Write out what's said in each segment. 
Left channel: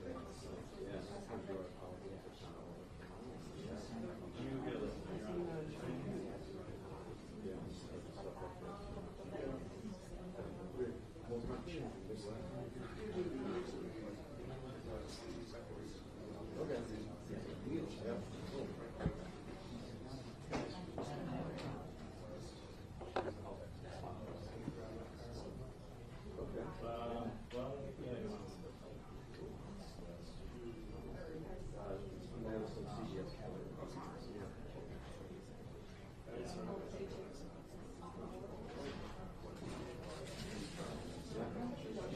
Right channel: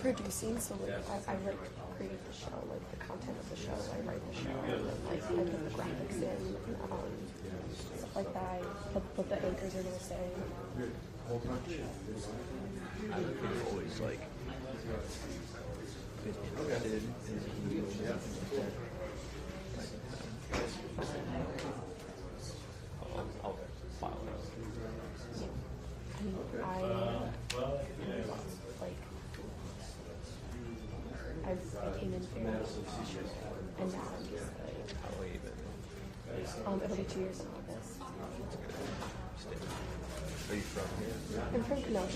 Producing, so like, I like create the show, like the content of the show, I write the show, and then, like I put the graphics in, stuff like that. What the anchors are gonna say. Always like interested I came in here, and now I'm just like, it'll be 2 years in August. Are you from here? I'm from, no, I'm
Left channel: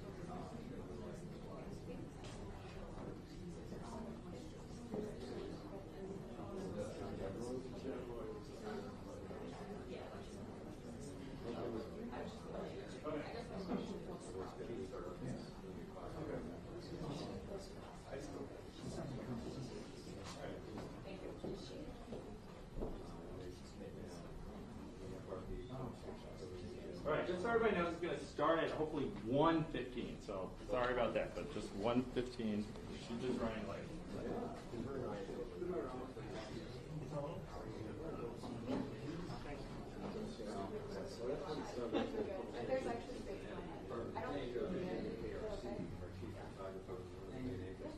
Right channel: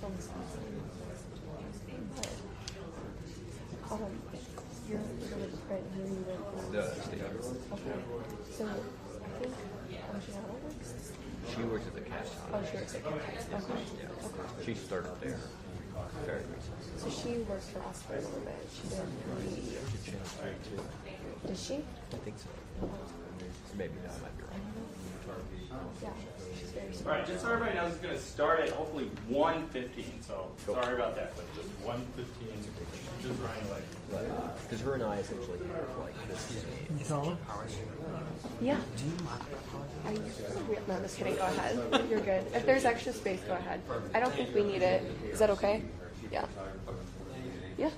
from Wisconsin. You're really right here, you live in The state. Okay. So, I think, Gianna works? She works at the cash. Oh, she works at Campus. Okay. She started there very recently. So she worked for us for a little bit. She did 3 years. Did she? I think so. Maybe not. Yeah, she's very All right, just so everybody knows, it's going to start at hopefully 1:15. So sorry about that, but just 1:15. She's just running like. Because her and I essentially like this. Yeah. No, just kidding. Go ahead. You're good. If there's extra space, go ahead. I don't think we need it. Is that okay? Yeah. Yeah.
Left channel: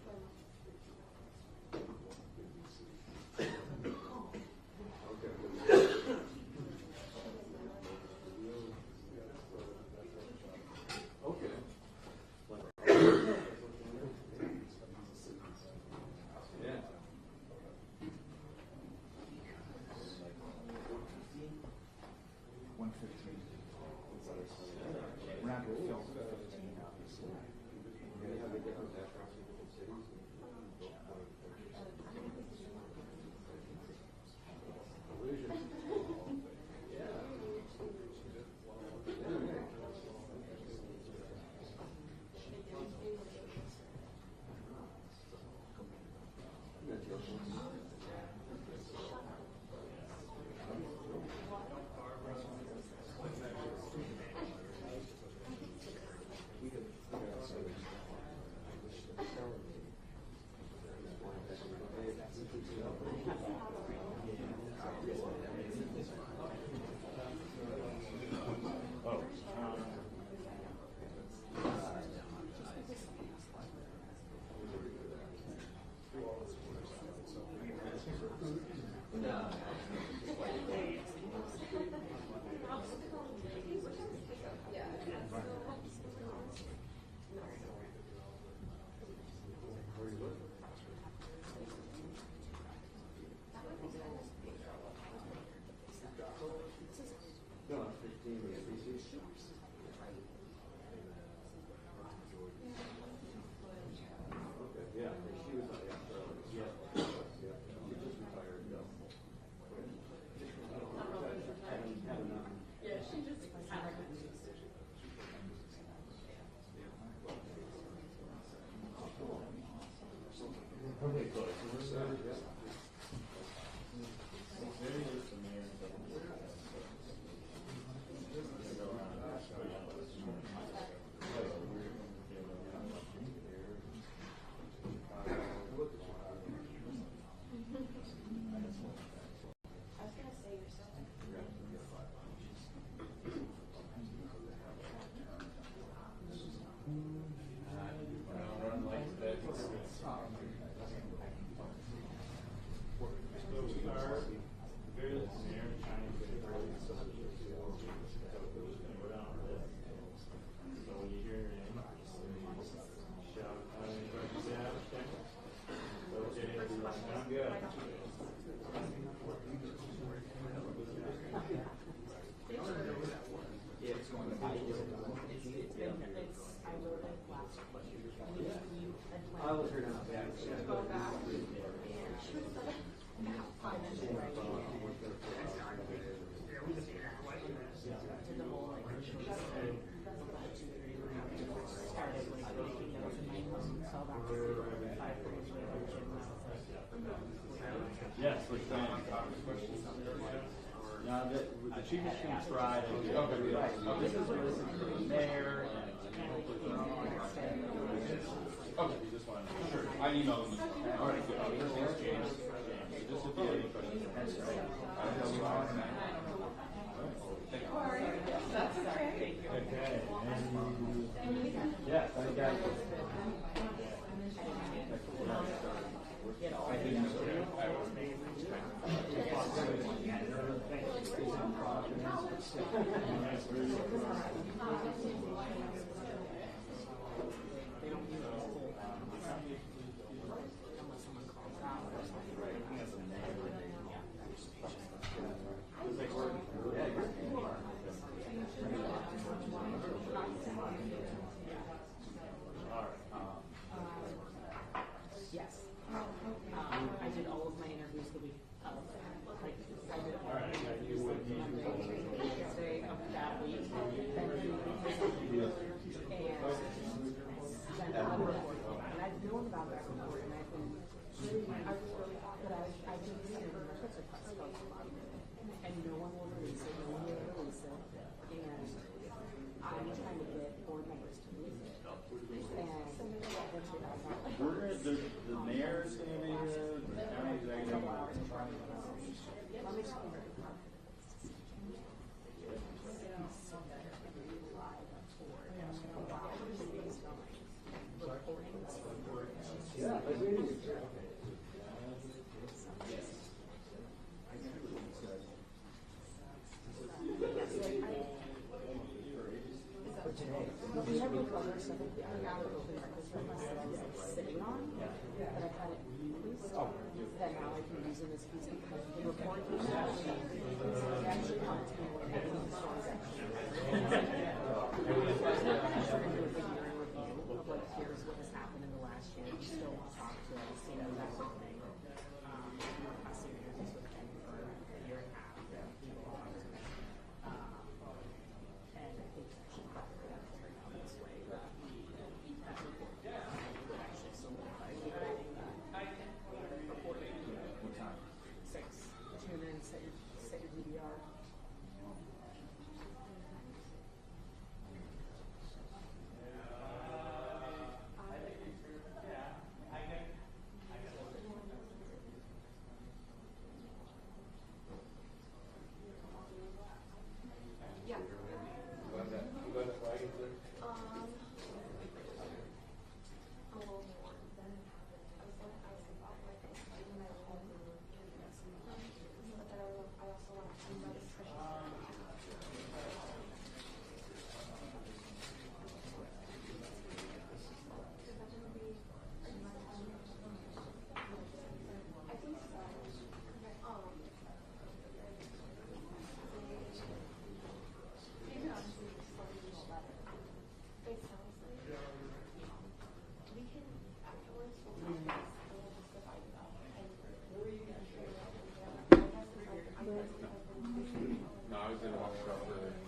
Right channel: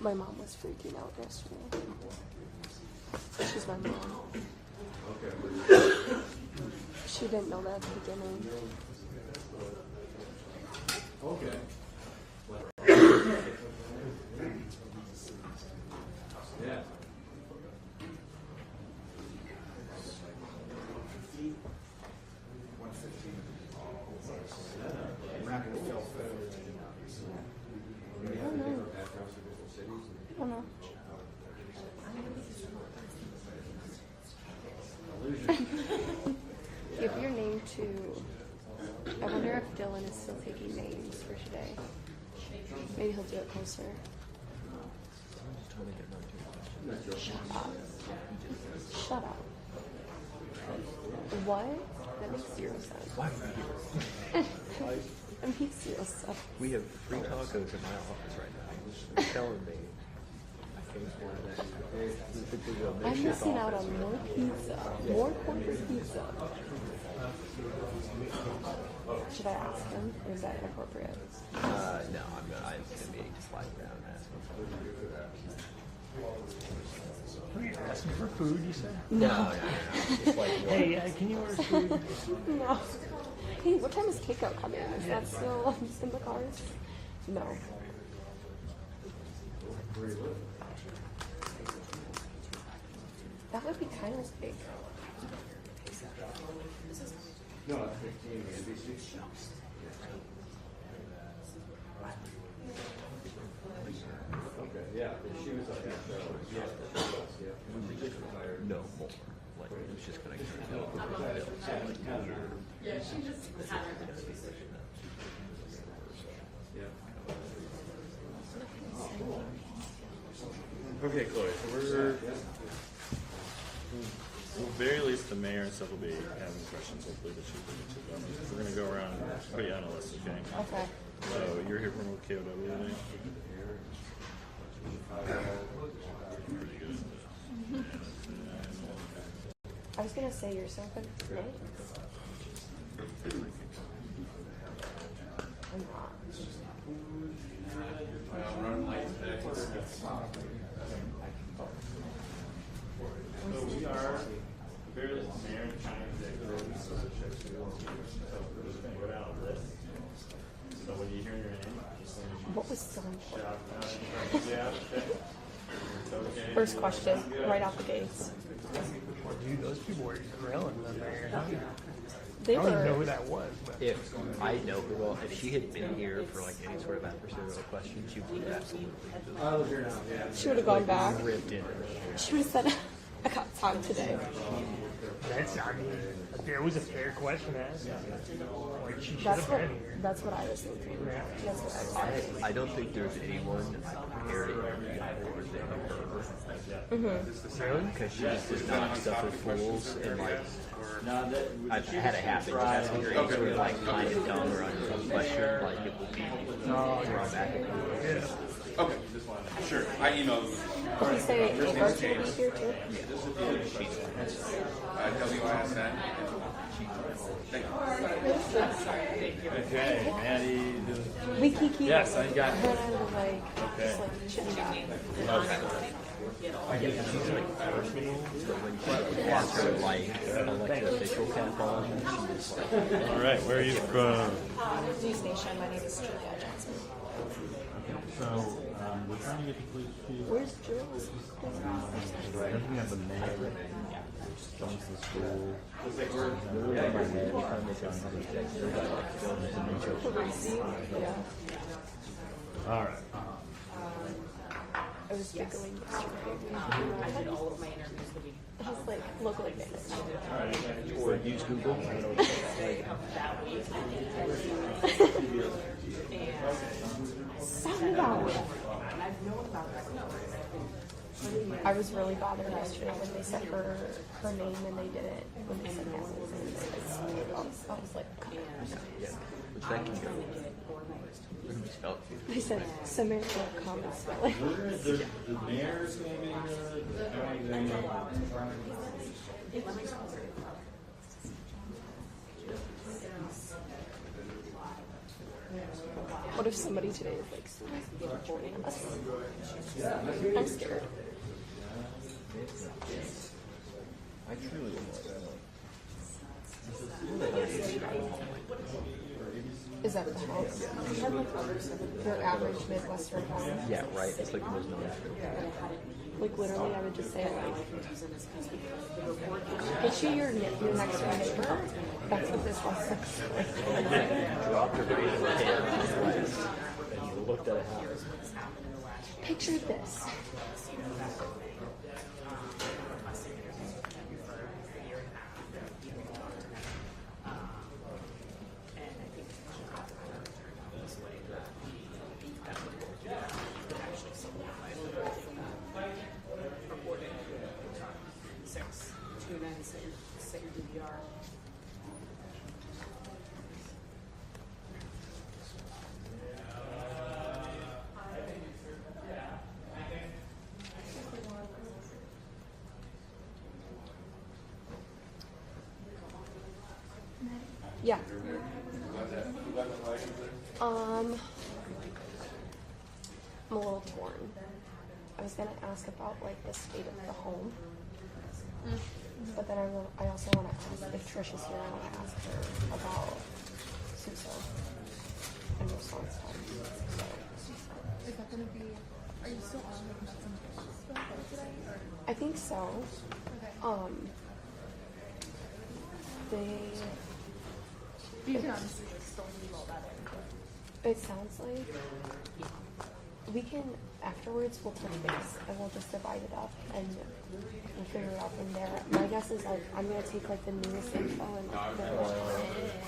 My mom was freaking out yesterday. She's my mom. She didn't know that at the beginning. Okay. Yeah. Oh no. Give your name to. I wonder if Dylan is still taking names for today. Maybe he'll do it closer. Shut up. Shut up. What? That makes 0 sense. Why would I do this? That makes 0 sense. We have free tacos in my office right now. You're telling me. I'm missing out on more pizza. More corporate pizza. Should I ask him? Or is that inappropriate? No, I'm going to be just lying down and asking. You're asking for food, you said? No. Just like, Hey, can you order food? No. Hey, what time is takeout coming? Is that still in the cars? No. That would be kind of big. No, that's 15 ABC. Okay, yeah, she was like, yeah. She just retired. no more. Like, it's just going to get it out. Yeah, she just had her Okay, Chloe. So we're. At the very least, the mayor and stuff will be having questions. Hopefully, that we're going to go around and put you on the list, okay? Okay. So you're here from WKOW today? Pretty good. I was gonna say you're so good at snakes. I'm not. So we are the very least the mayor and county executive. So we're just going to go down a list. So when you hear your name, just What was so shout out any questions you have. Okay. It's okay. First question, right out the gates. Dude, those people were grilling them there. They I don't even know were. who that was, but If I know her well, if she had been here for like any sort of adversarial question, she would have absolutely I was here now, yeah. She would have gone back. ripped in. She would have said, I got time today. that's It was a fair question to ask. Like, she should That's have what been here. that's what I was thinking. That's what I was thinking. I don't think there's anyone prepared more than her. Really? Because she just does not stuff with fools and like. Now that I've had it happen. Just asking her answer like kind of dumb or on some question, like it will be thrown back and forth. Yeah. Okay, sure. I emailed them. Did you say Ava was here too? Tell me what I sent. Thank you. okay, Maddie. We kiki. Yes, I got it. Like, just like chit-chat. Like official kind of calling. All right, where are you from? News Station. My name is Julia Johnson. So, we're trying to get the police chief. Where's Jules? Looking at the mayor. Comes to school. All right. I was giggling yesterday. I did all of my interviews the week He's like, look like this. Or use Google. of that week. Sound out. And I've known about that before. I was really bothered yesterday when they said her name and they did it when they said Madison. I was like, come on. I was trying to get organized. They said Samantha, come spell it. The mayor's gonna be What if somebody today is like joining us? I'm scared. I truly don't know. Is that the house? Your average Midwestern house? Yeah, right. It's like the most known. Like literally, I would just say like, get you your next door neighbor. That's what this house looks like. Dropped her brain in the hand and looked at a house. Picture this. Set your DVR. Yeah. I'm a little torn. I was gonna ask about like the state of the home, but then I also want to ask if Trish is here. I want to ask her about Susa and response time. Is that gonna be? Are you still on today? I think so. Okay. They. You can honestly still leave all that in. It sounds like we can afterwards. We'll touch base and we'll just divide it up and we'll figure it out from there. My guess is like I'm gonna take like the newest info and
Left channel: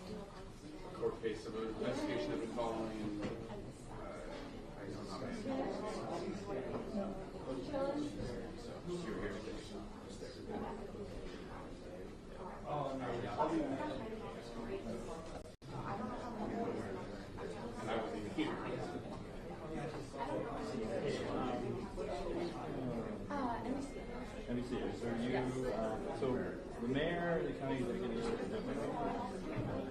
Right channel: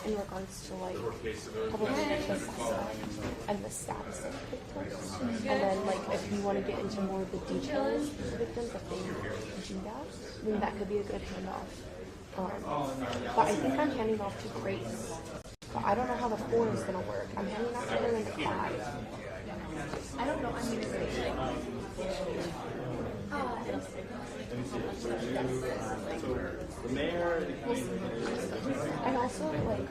in regards to like public interest and the status of victims. And then like if you want to get into more of the details of the victims, if they do that, then that could be a good handoff. But I think I'm handing off to Grace. But I don't know how the 4 is gonna work. I'm handing off to her in the 5. I don't know. I'm gonna say like. Let me see this. So the mayor. I also like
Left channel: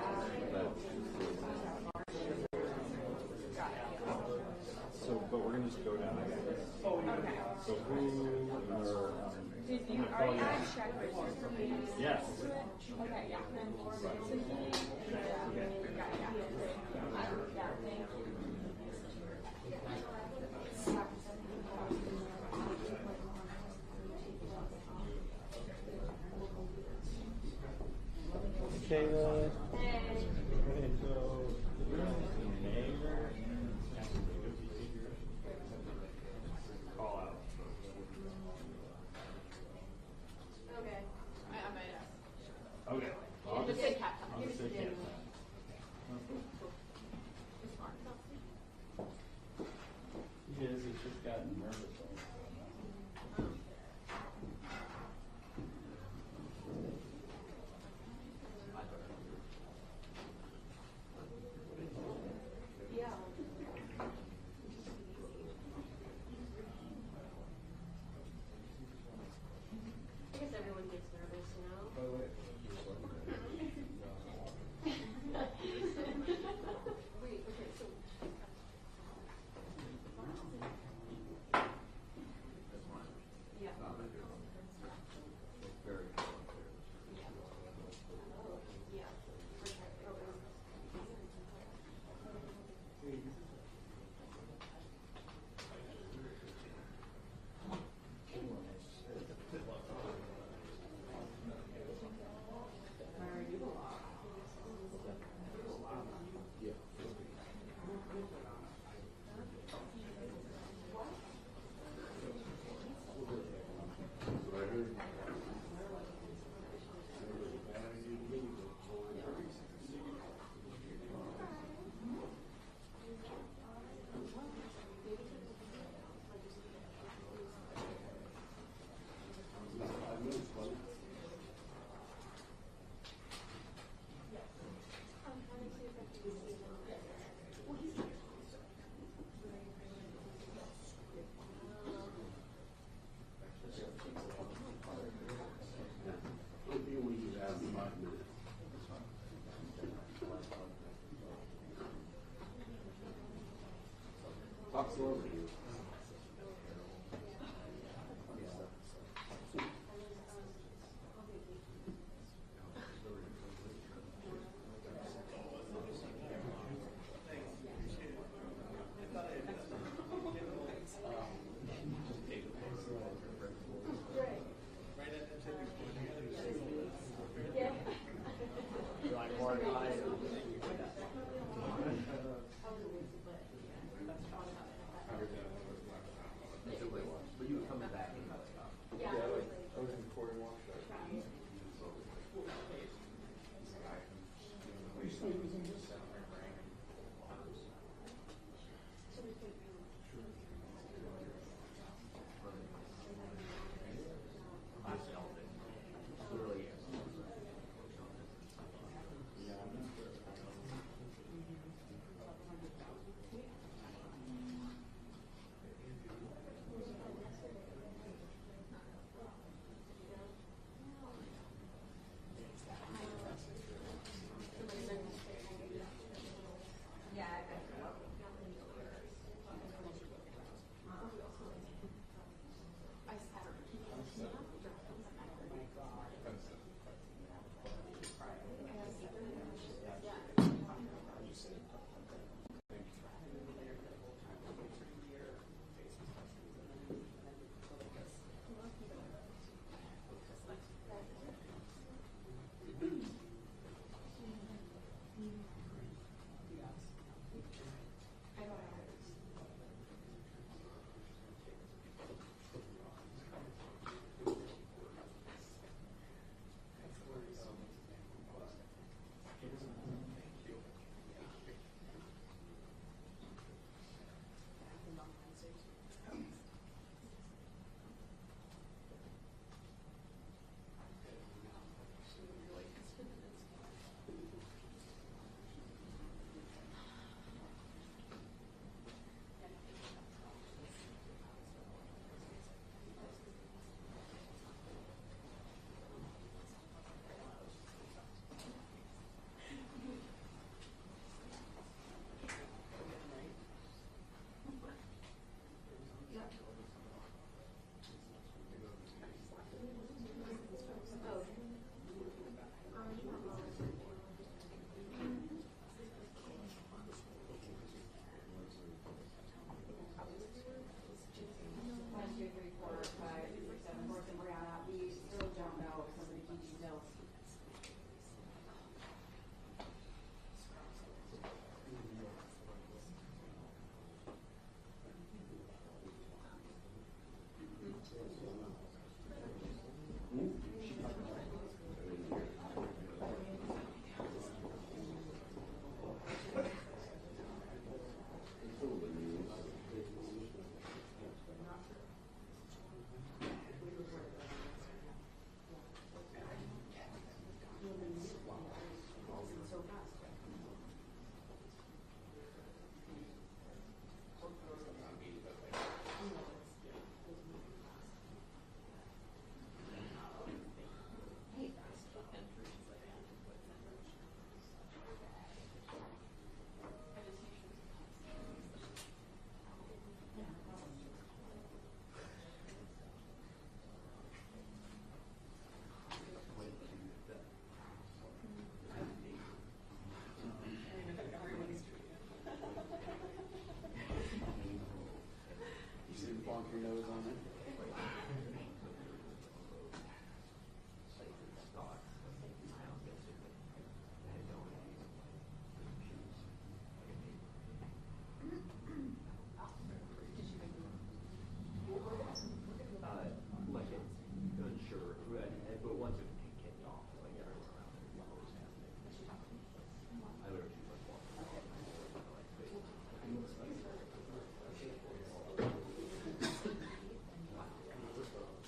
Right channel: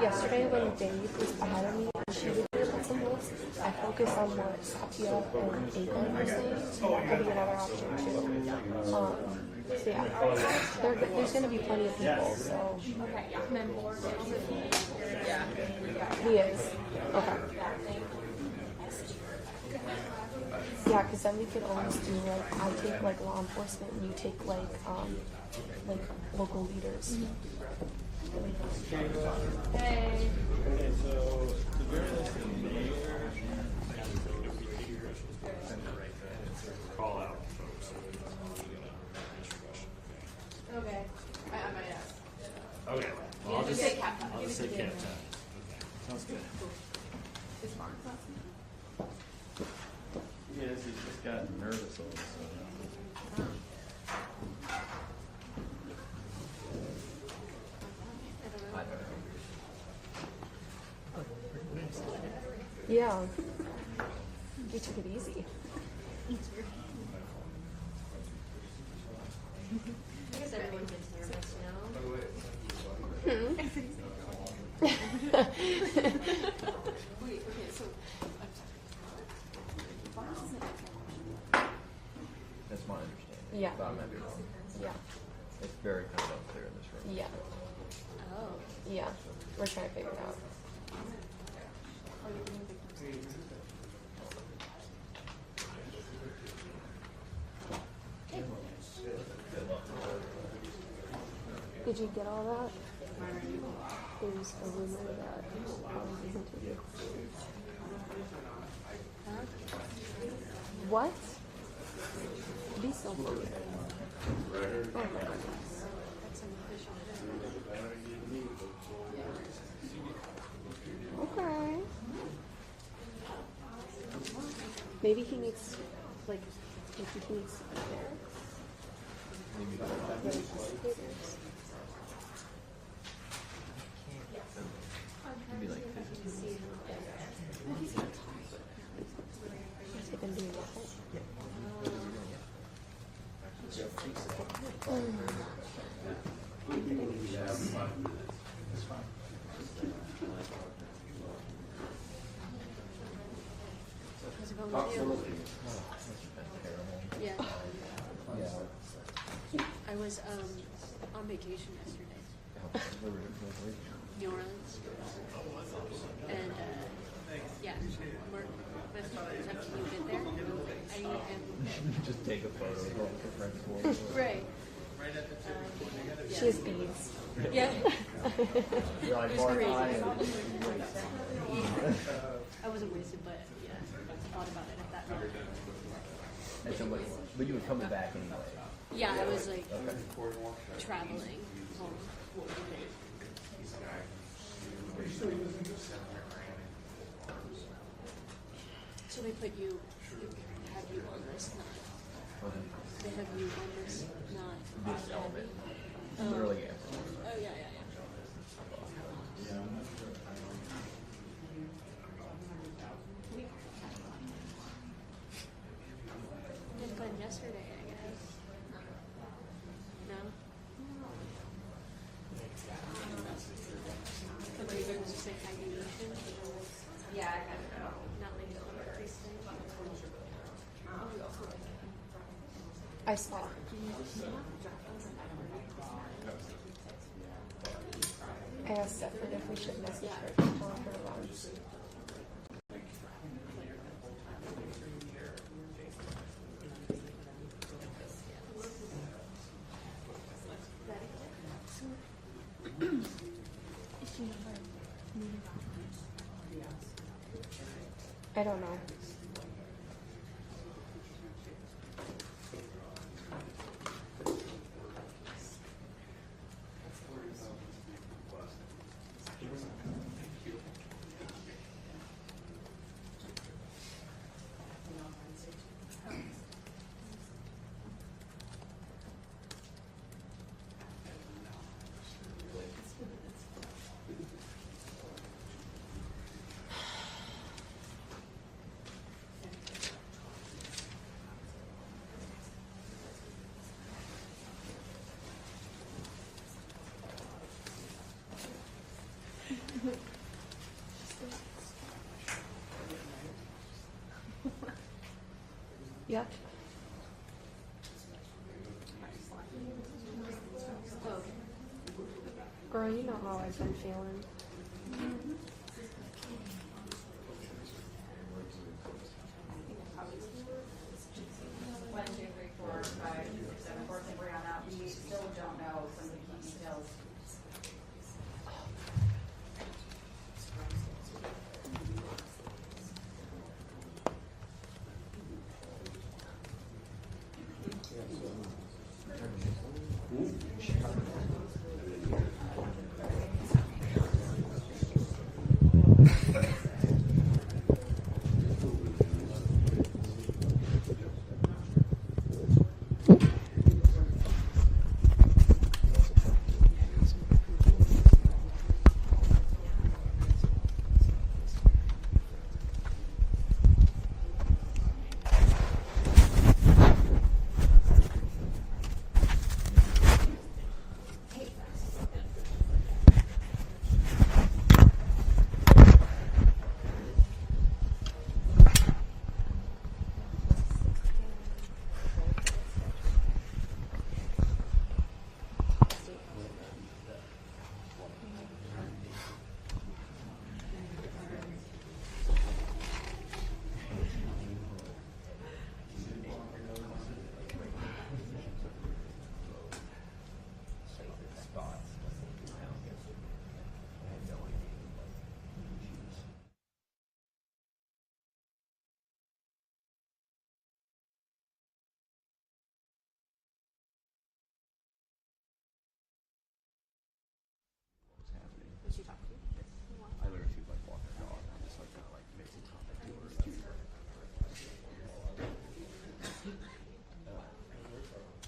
yesterday when Dave was ahead of me and she was put some notes, I focused on what Satya and Ava were saying. So that could be another option too. So yeah, there's gonna be plenty of people. So Okay. Yeah. And then more. he is okay. Yeah, because then we can always do like I take like law enforcement and you take like local leaders. Hey. Okay, so the mayor. Call out. Okay. I might ask. know. We took it easy. I guess everyone gets nervous, you know? That's my understanding. Yeah. But I might be wrong. Yeah. It's very kind of unclear in this room. Yeah. Oh. Yeah. We're trying to figure it out. Did you get all that? There's a rumor that what? Be so funny. Okay. Maybe he needs, like, maybe he needs to prepare. Maybe like 50. Has he been doing that? Yeah. I was on vacation yesterday. New Orleans. And yeah, we're after you get there. Just take a photo of all the friends for Right. She has beads. Yeah. You're like, It was crazy. I I wasn't wasted, but yeah, I thought about it at that moment. And so, but you would come back anyway. Yeah, I was like Okay. traveling home. So they put you, have you on this knot. They have you on this knot. This element. Literally everyone. Oh yeah, yeah, yeah. Did fun yesterday, I guess. No? Somebody going to say hibernation? Yeah, I got it. Not like I saw it. I asked Stephanie if we should message her to tell her around. I don't know. Yeah. Girl, you know how I've been feeling. One, two, three, four, five, six, seven. Fourth thing we're on out. We still don't know some of the key details. I literally like walk the dog and just like face it.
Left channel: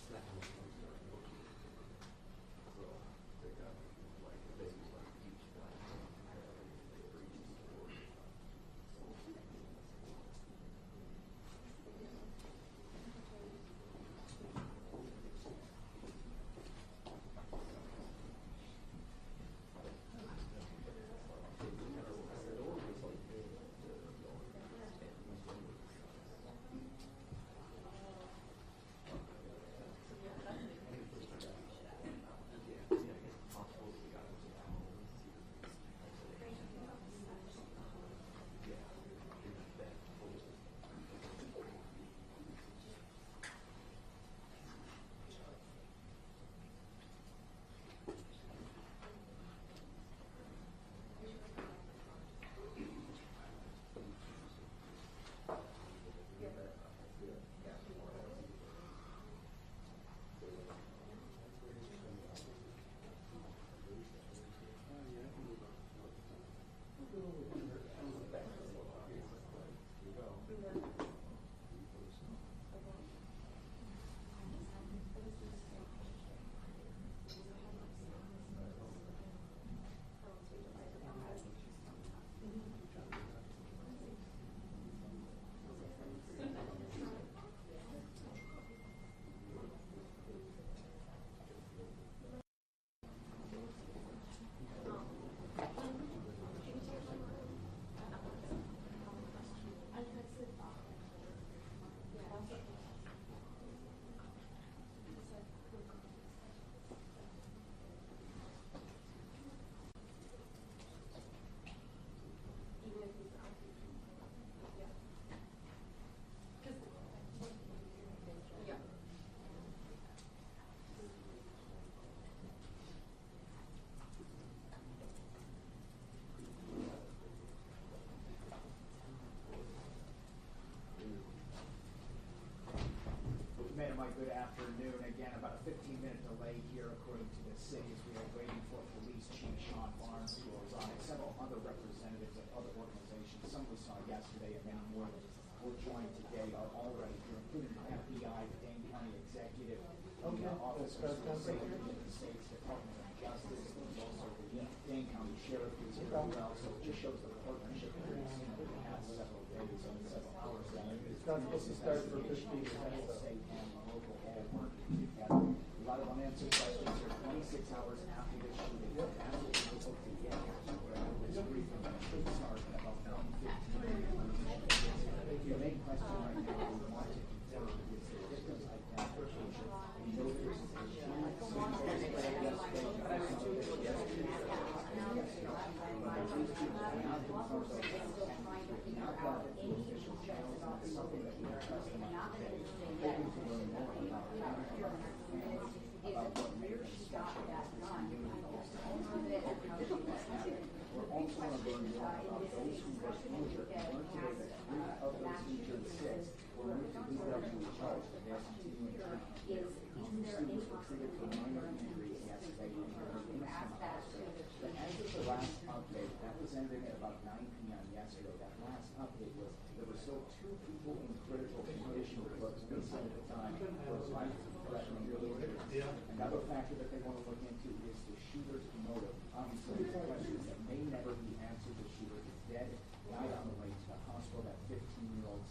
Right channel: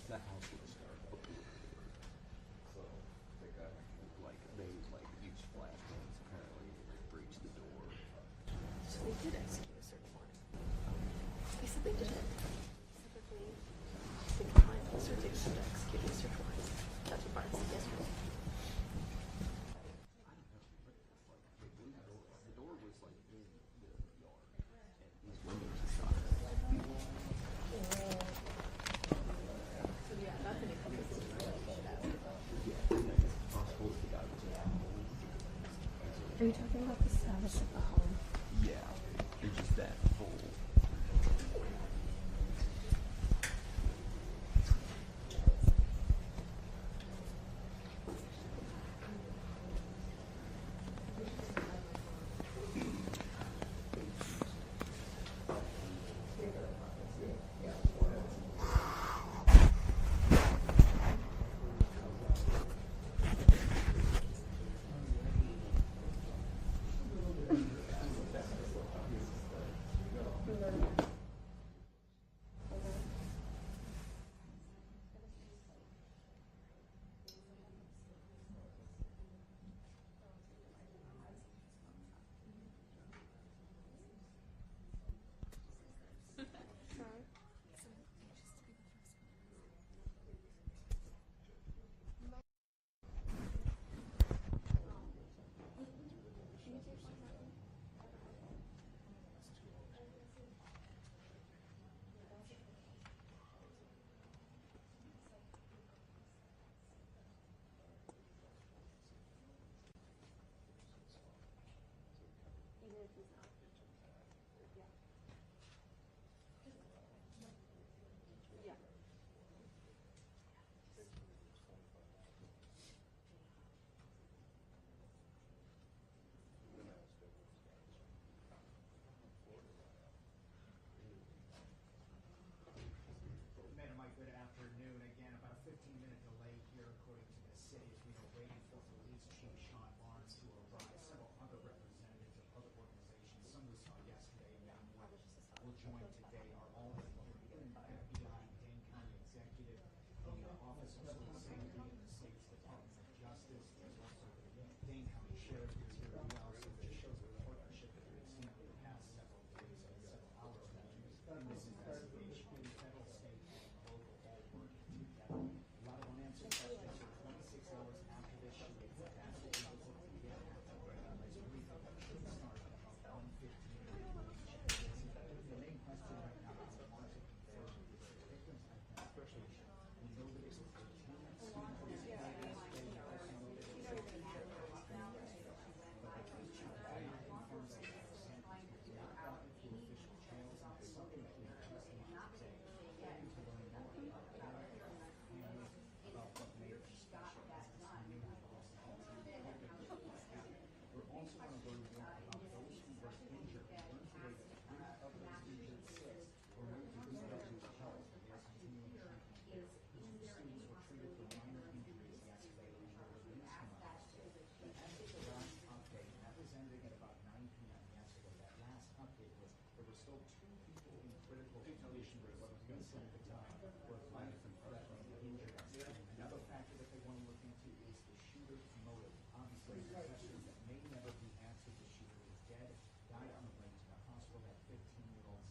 That house was terrible. Like they like use flashlights and they breach the door. So they did execute a search warrant. They said they didn't. They declined the certificate to execute the search warrant. That's what Brian said yesterday. So yeah, that's an increase in time. Are you talking about the status of the home? Yeah, it's just that full. Madam, good afternoon. Again, about a 15-minute delay here, according to the city, as we are waiting for Police Chief Sean Barnes, who was on. Several other representatives of other organizations, some we saw yesterday, and many more that were joined today are already here, including the FBI, the Dane County Executive, the officers from Safety in the State's Department of Justice, also the Dane County Sheriff is here as well. So it just shows the partnership that we've seen over the past several days and several hours. It's not supposed to start for 15 minutes. State and local all working together. A lot of unanswered questions here 26 hours after this shooting. Absolutely difficult to get here. So we're having this briefing that should start in about 15 minutes. The main question right now we want to confirm is the victim's identification. We know there's a ending at about 9 p.m. yesterday. That last update was there were still 2 people in critical condition, but inside at the time was life-threatening injuries. Another factor that they want to look into is the shooter's motive. Obviously, there's questions that may never be answered. The shooter is dead, died on the way to the hospital. That 15-year-old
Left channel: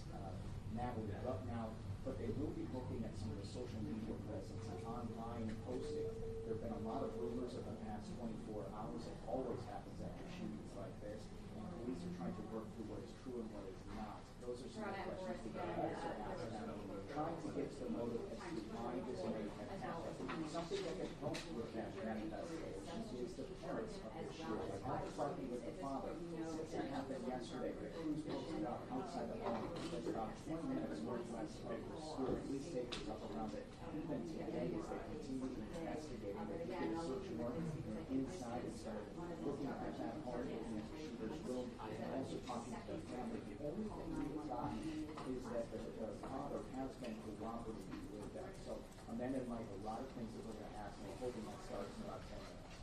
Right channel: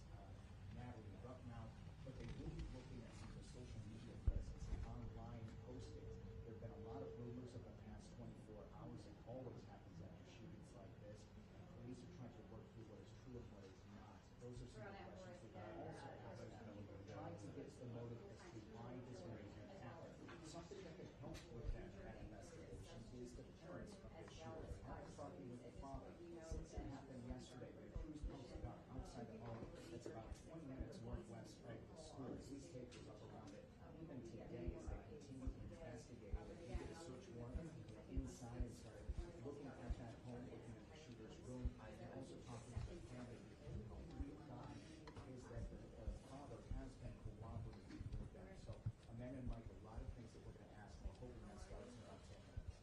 Natalie is up now, but they will be looking at some of the social media presence and online posting. There have been a lot of rumors in the past 24 hours. It always happens after shootings like this, and police are trying to work through what is true and what is not. Those are some of the questions we can also ask them. Trying to get to the motive as to why this may have happened. Something that can help with that investigation is the parents of this shooter. Like I was talking with the father. Since that happened yesterday, the crews posted up outside the home. It's about 20 minutes northwest of the school. Police safety up around it. Even today, as they continue investigating, they did a search warrant inside and started looking at that home, looking at the shooter's room, and also talking to the family. The only thing we've gotten is that the father has been cooperating with them. So Amanda and Mike, a lot of things that we're going to ask, and we're hoping that starts in about 10 minutes.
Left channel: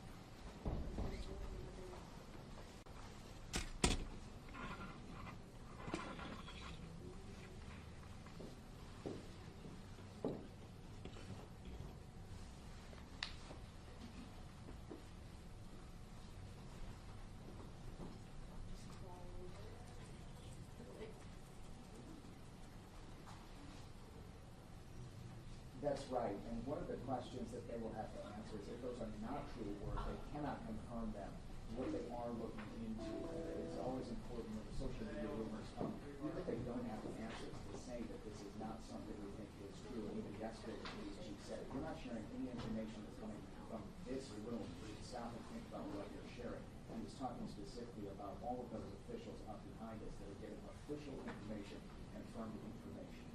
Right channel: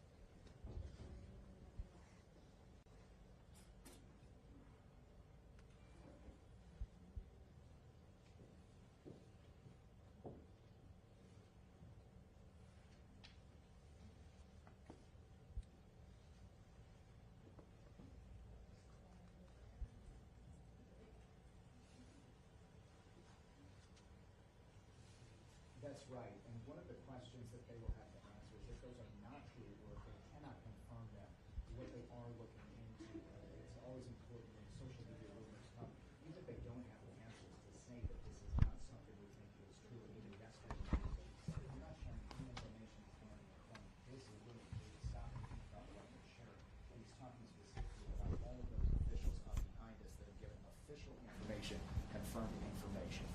That's right, and one of the questions that they will have to answer is if those are not true or if they cannot confirm them, what they are looking into. It's always important when the social media rumors come, even if they don't have the answers, to say that this is not something we think is true. And even yesterday, the police chief said, we're not sharing any information that's coming from this room. You should stop and think about what you're sharing. And he's talking specifically about all of those officials up behind us that are giving official information, confirmed information.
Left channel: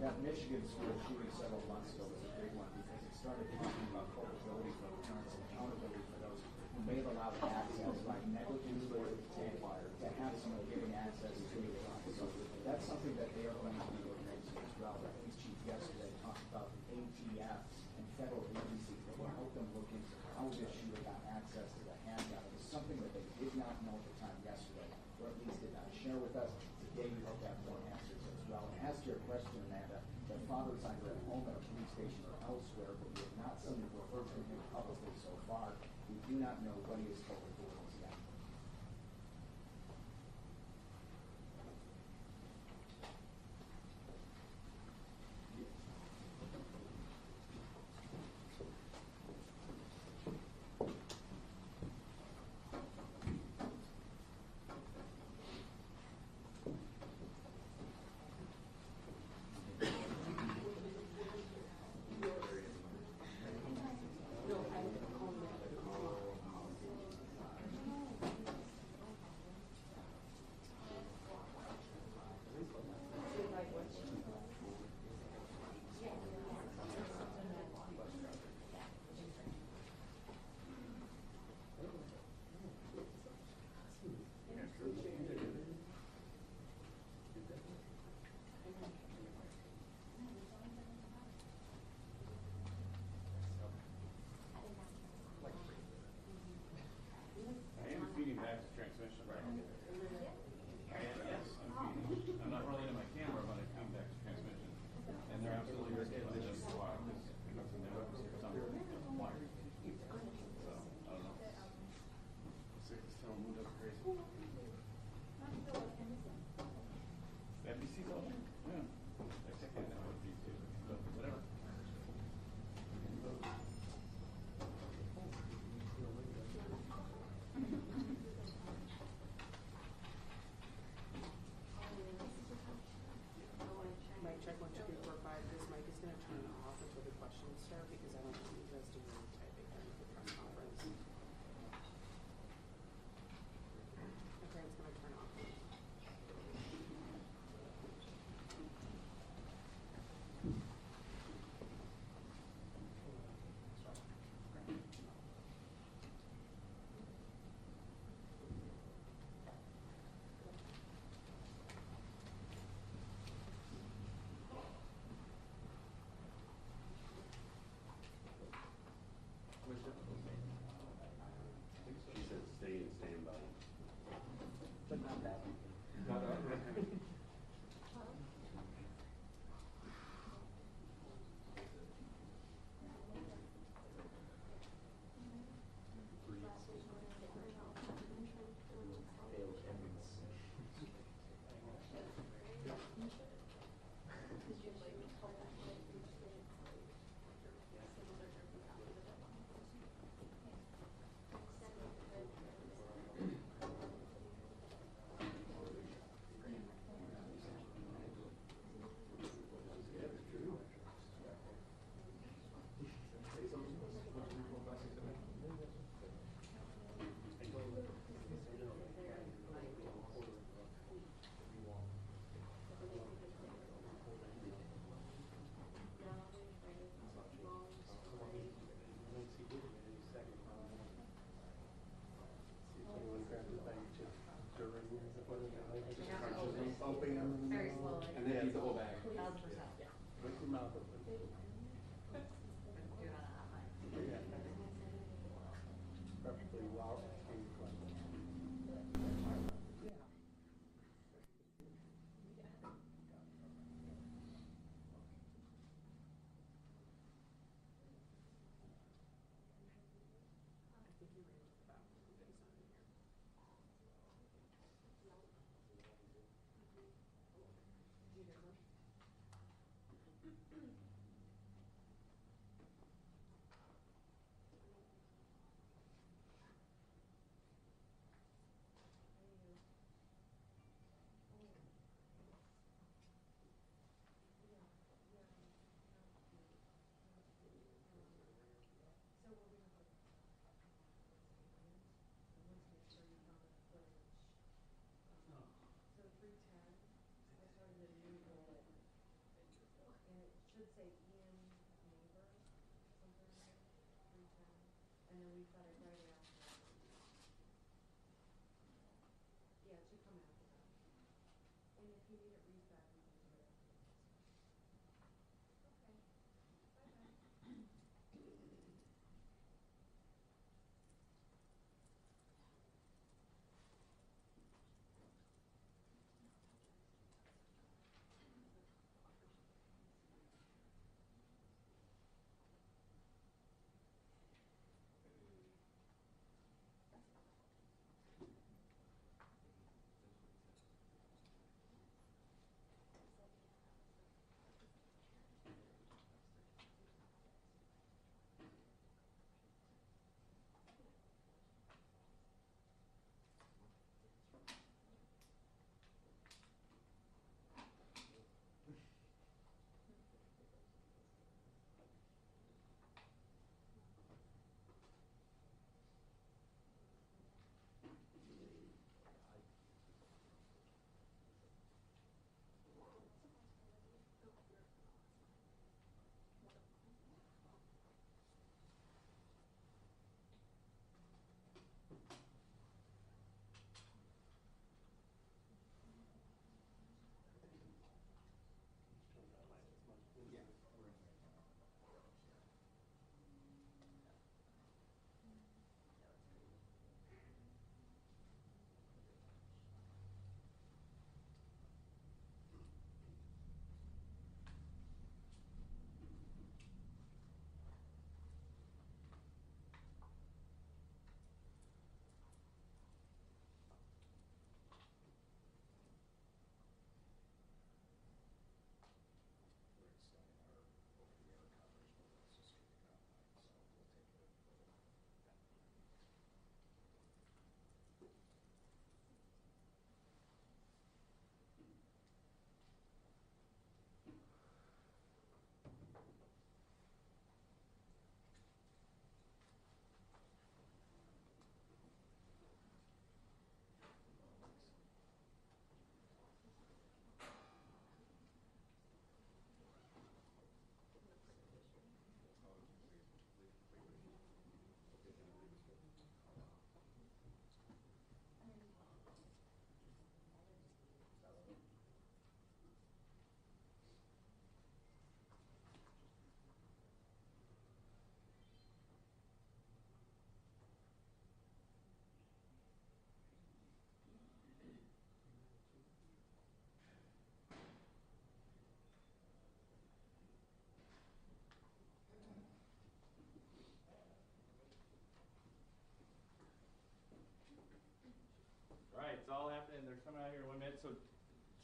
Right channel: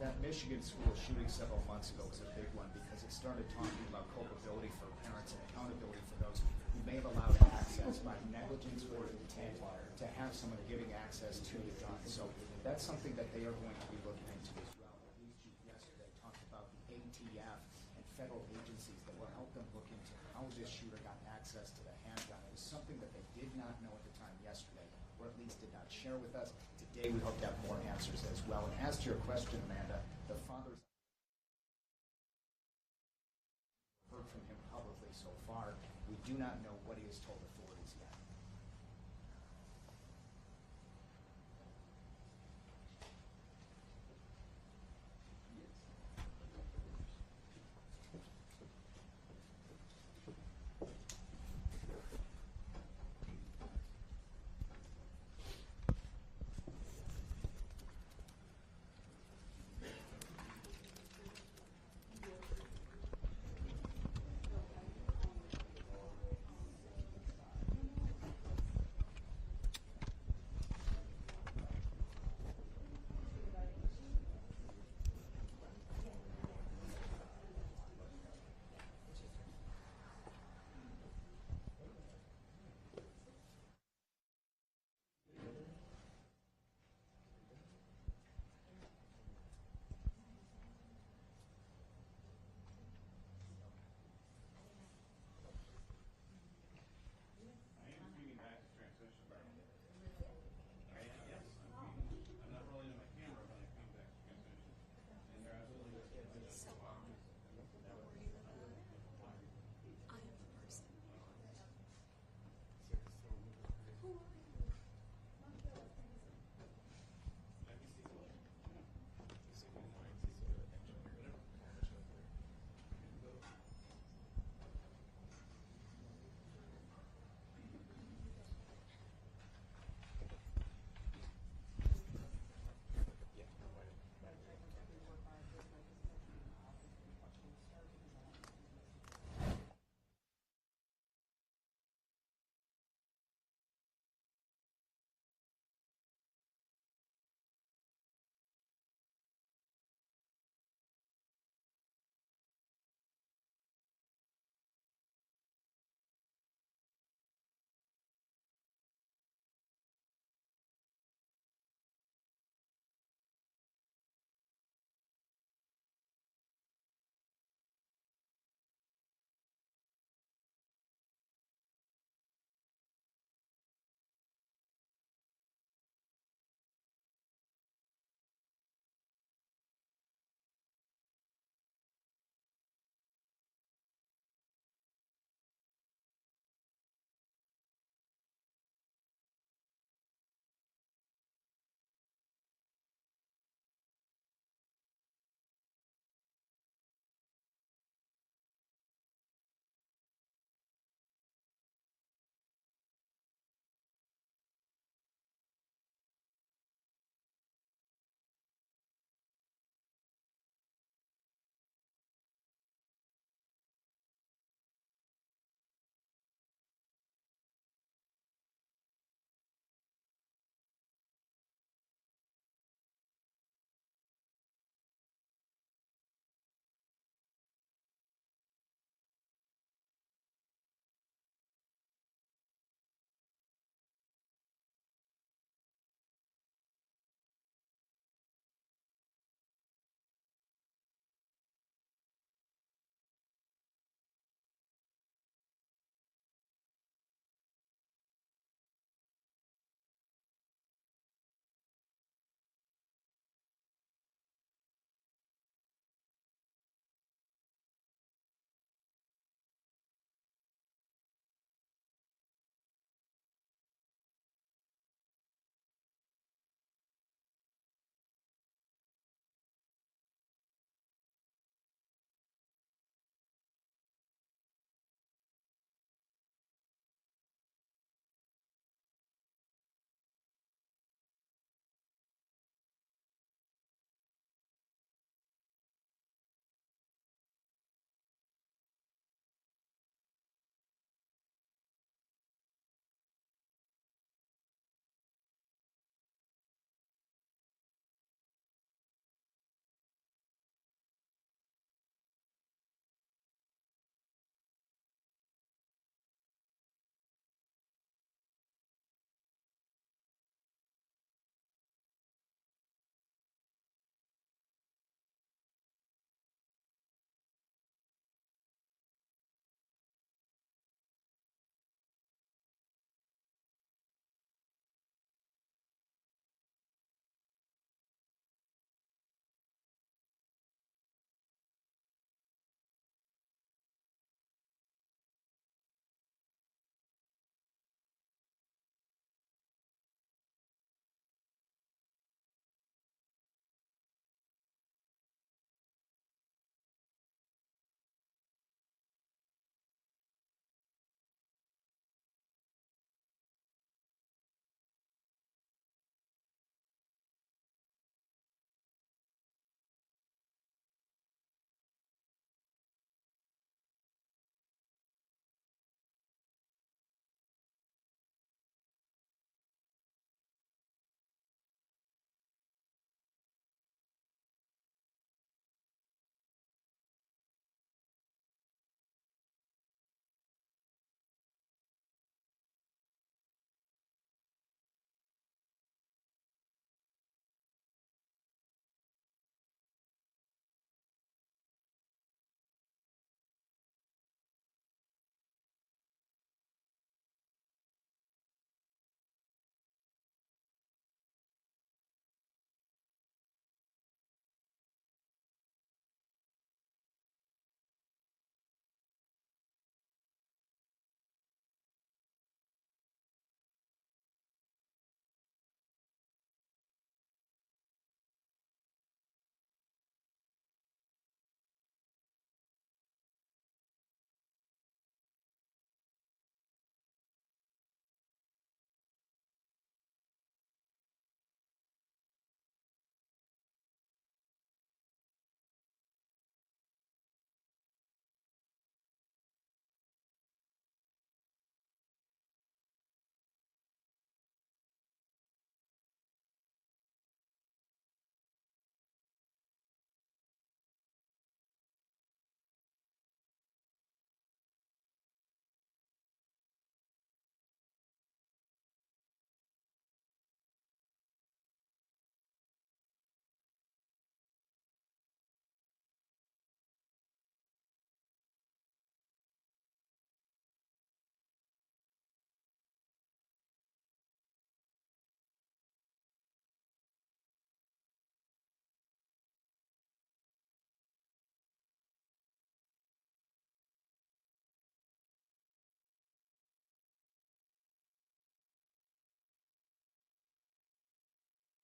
That Michigan school shooting several months ago was a big one because it started talking about culpability for parents and accountability for those who may have allowed access by negligence or intent to have someone giving access to your child. So that's something that they are going to be looking into as well. The police chief yesterday talked about the ATF and federal agencies that will help them look into how this shooter got access to the handgun. It was something that they did not know at the time yesterday, or at least did not share with us. Today we hope to have more answers as well. And as to your question, Amanda, the father's either at home at a police station or elsewhere, but we have not seen or heard from him publicly so far. We do not know what he has told authorities yet. I am feeding back to transmission. I am, yes, I'm feeding. I'm not running to my camera, but I feed back to transmission. And they're absolutely right. It doesn't go out because in there some wire. So, I don't know. Sick is still moved up crazy. NBC's all there? Yeah. I said, I know NBC, but whatever. Mic check 1, 2, 3, 4, 5. This mic is going to turn off until the questions start because I don't want you guys to be able to type during the press conference. Okay, it's going to turn off. She said stay and stand by. But not that. Not that. Very slowly. And then eat the whole bag. 1000%. With your mouth open. Do it on a hot mic. Preferably while being collected.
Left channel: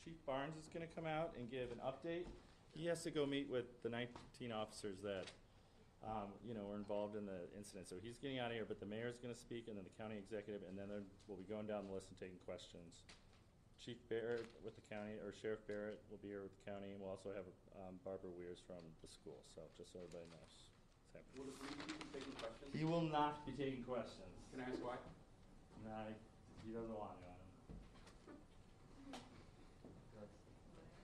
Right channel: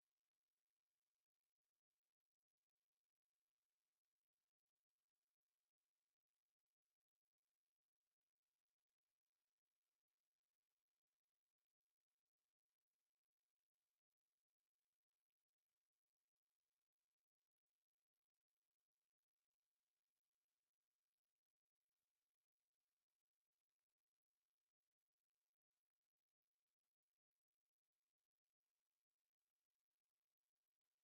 Chief Barnes is going to come out and give an update. He has to go meet with the 19 officers that, were involved in the incident. So he's getting out of here, but the mayor's going to speak, and then the county executive, and then we'll be going down the list and taking questions. Chief Barrett with the county, or Sheriff Barrett will be here with the county, and we'll also have Barbara Weirs from the school. So just so everybody knows. Will the three people be taking questions? He will not be taking questions. Can I ask why? Nah, he doesn't want to.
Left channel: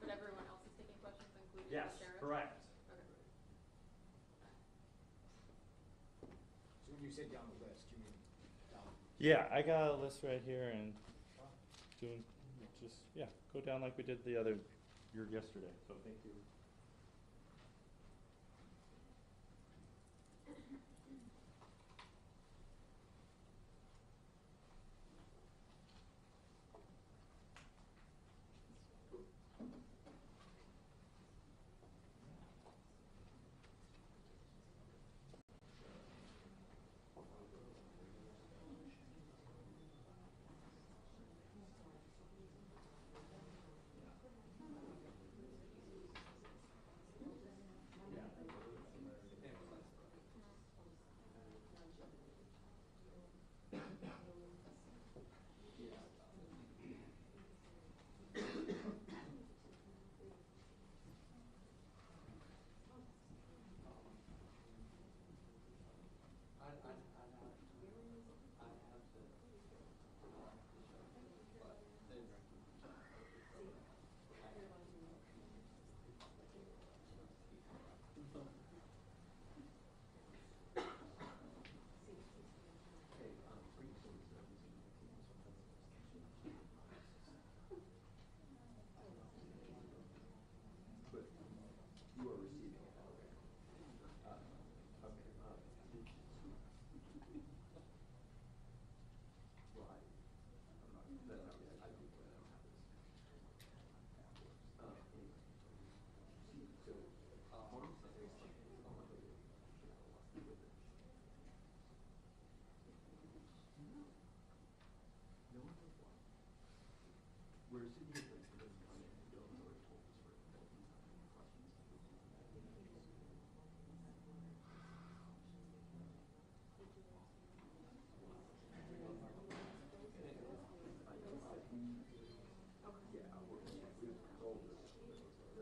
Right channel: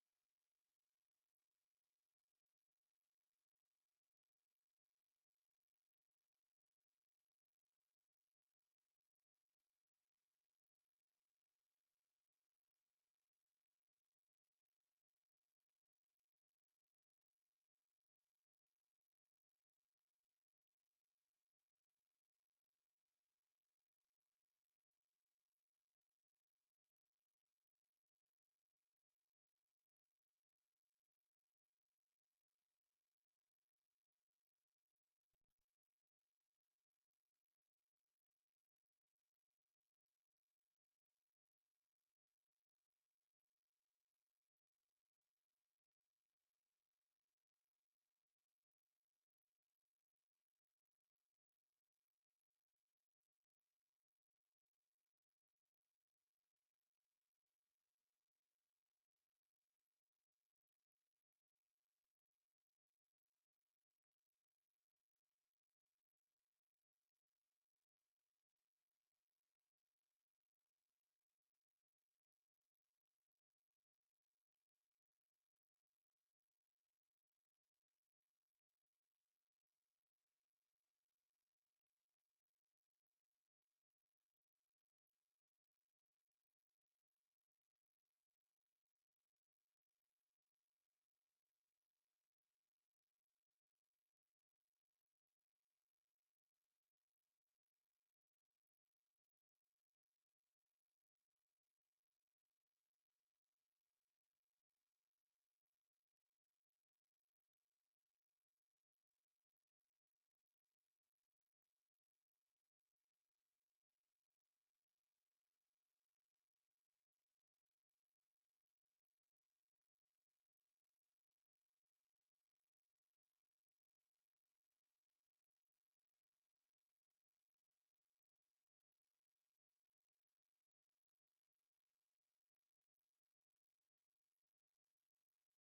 But everyone else is taking questions, including Yes, the sheriff? correct. Okay. So when you say down the list, you mean down? Yeah, I got a list right here and go down like we did yesterday. So thank you.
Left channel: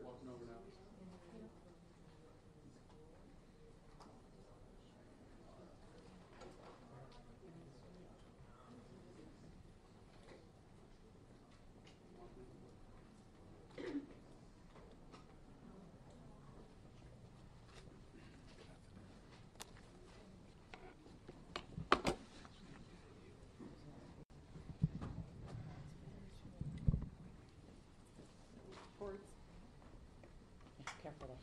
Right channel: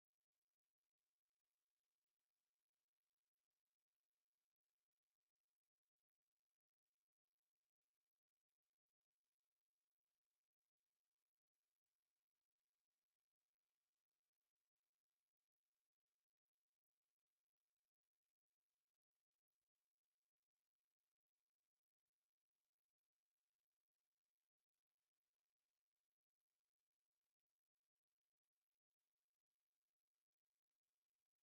Walking over now. Boards. Careful there.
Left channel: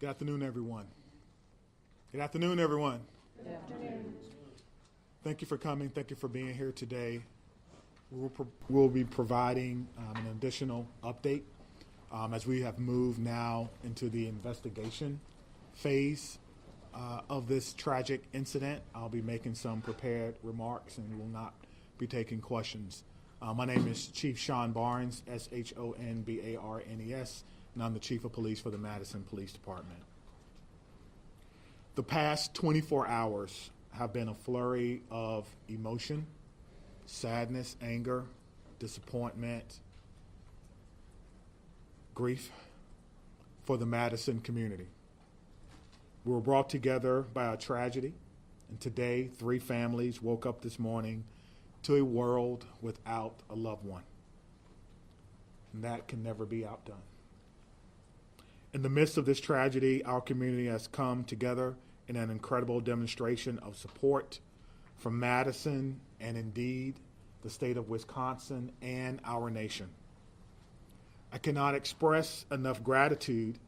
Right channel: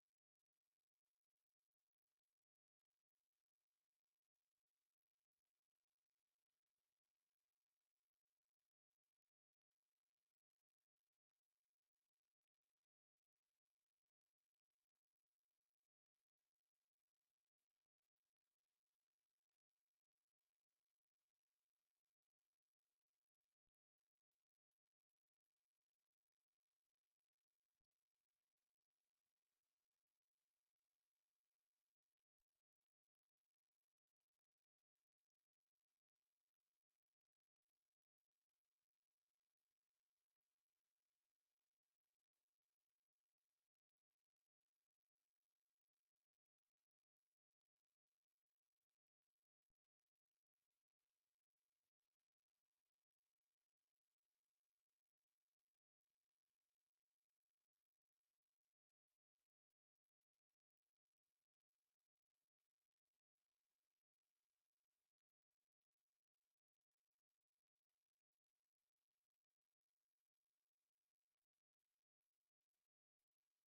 Good afternoon, everyone. Good afternoon, everyone. Good afternoon. Thank you for coming. Thank you for being here today. We'll be providing an additional update as we have moved now into the investigation phase of this tragic incident. I'll be making some prepared remarks and will not be taking questions. My name is Chief Sean Barnes, SHONBARNES, and I'm the Chief of Police for the Madison Police Department. The past 24 hours have been a flurry of emotion, sadness, anger, disappointment, grief for the Madison community. We were brought together by a tragedy, and today 3 families woke up this morning to a world without a loved one. And that can never be outdone. In the midst of this tragedy, our community has come together in an incredible demonstration of support from Madison and indeed the state of Wisconsin and our nation. I cannot express enough gratitude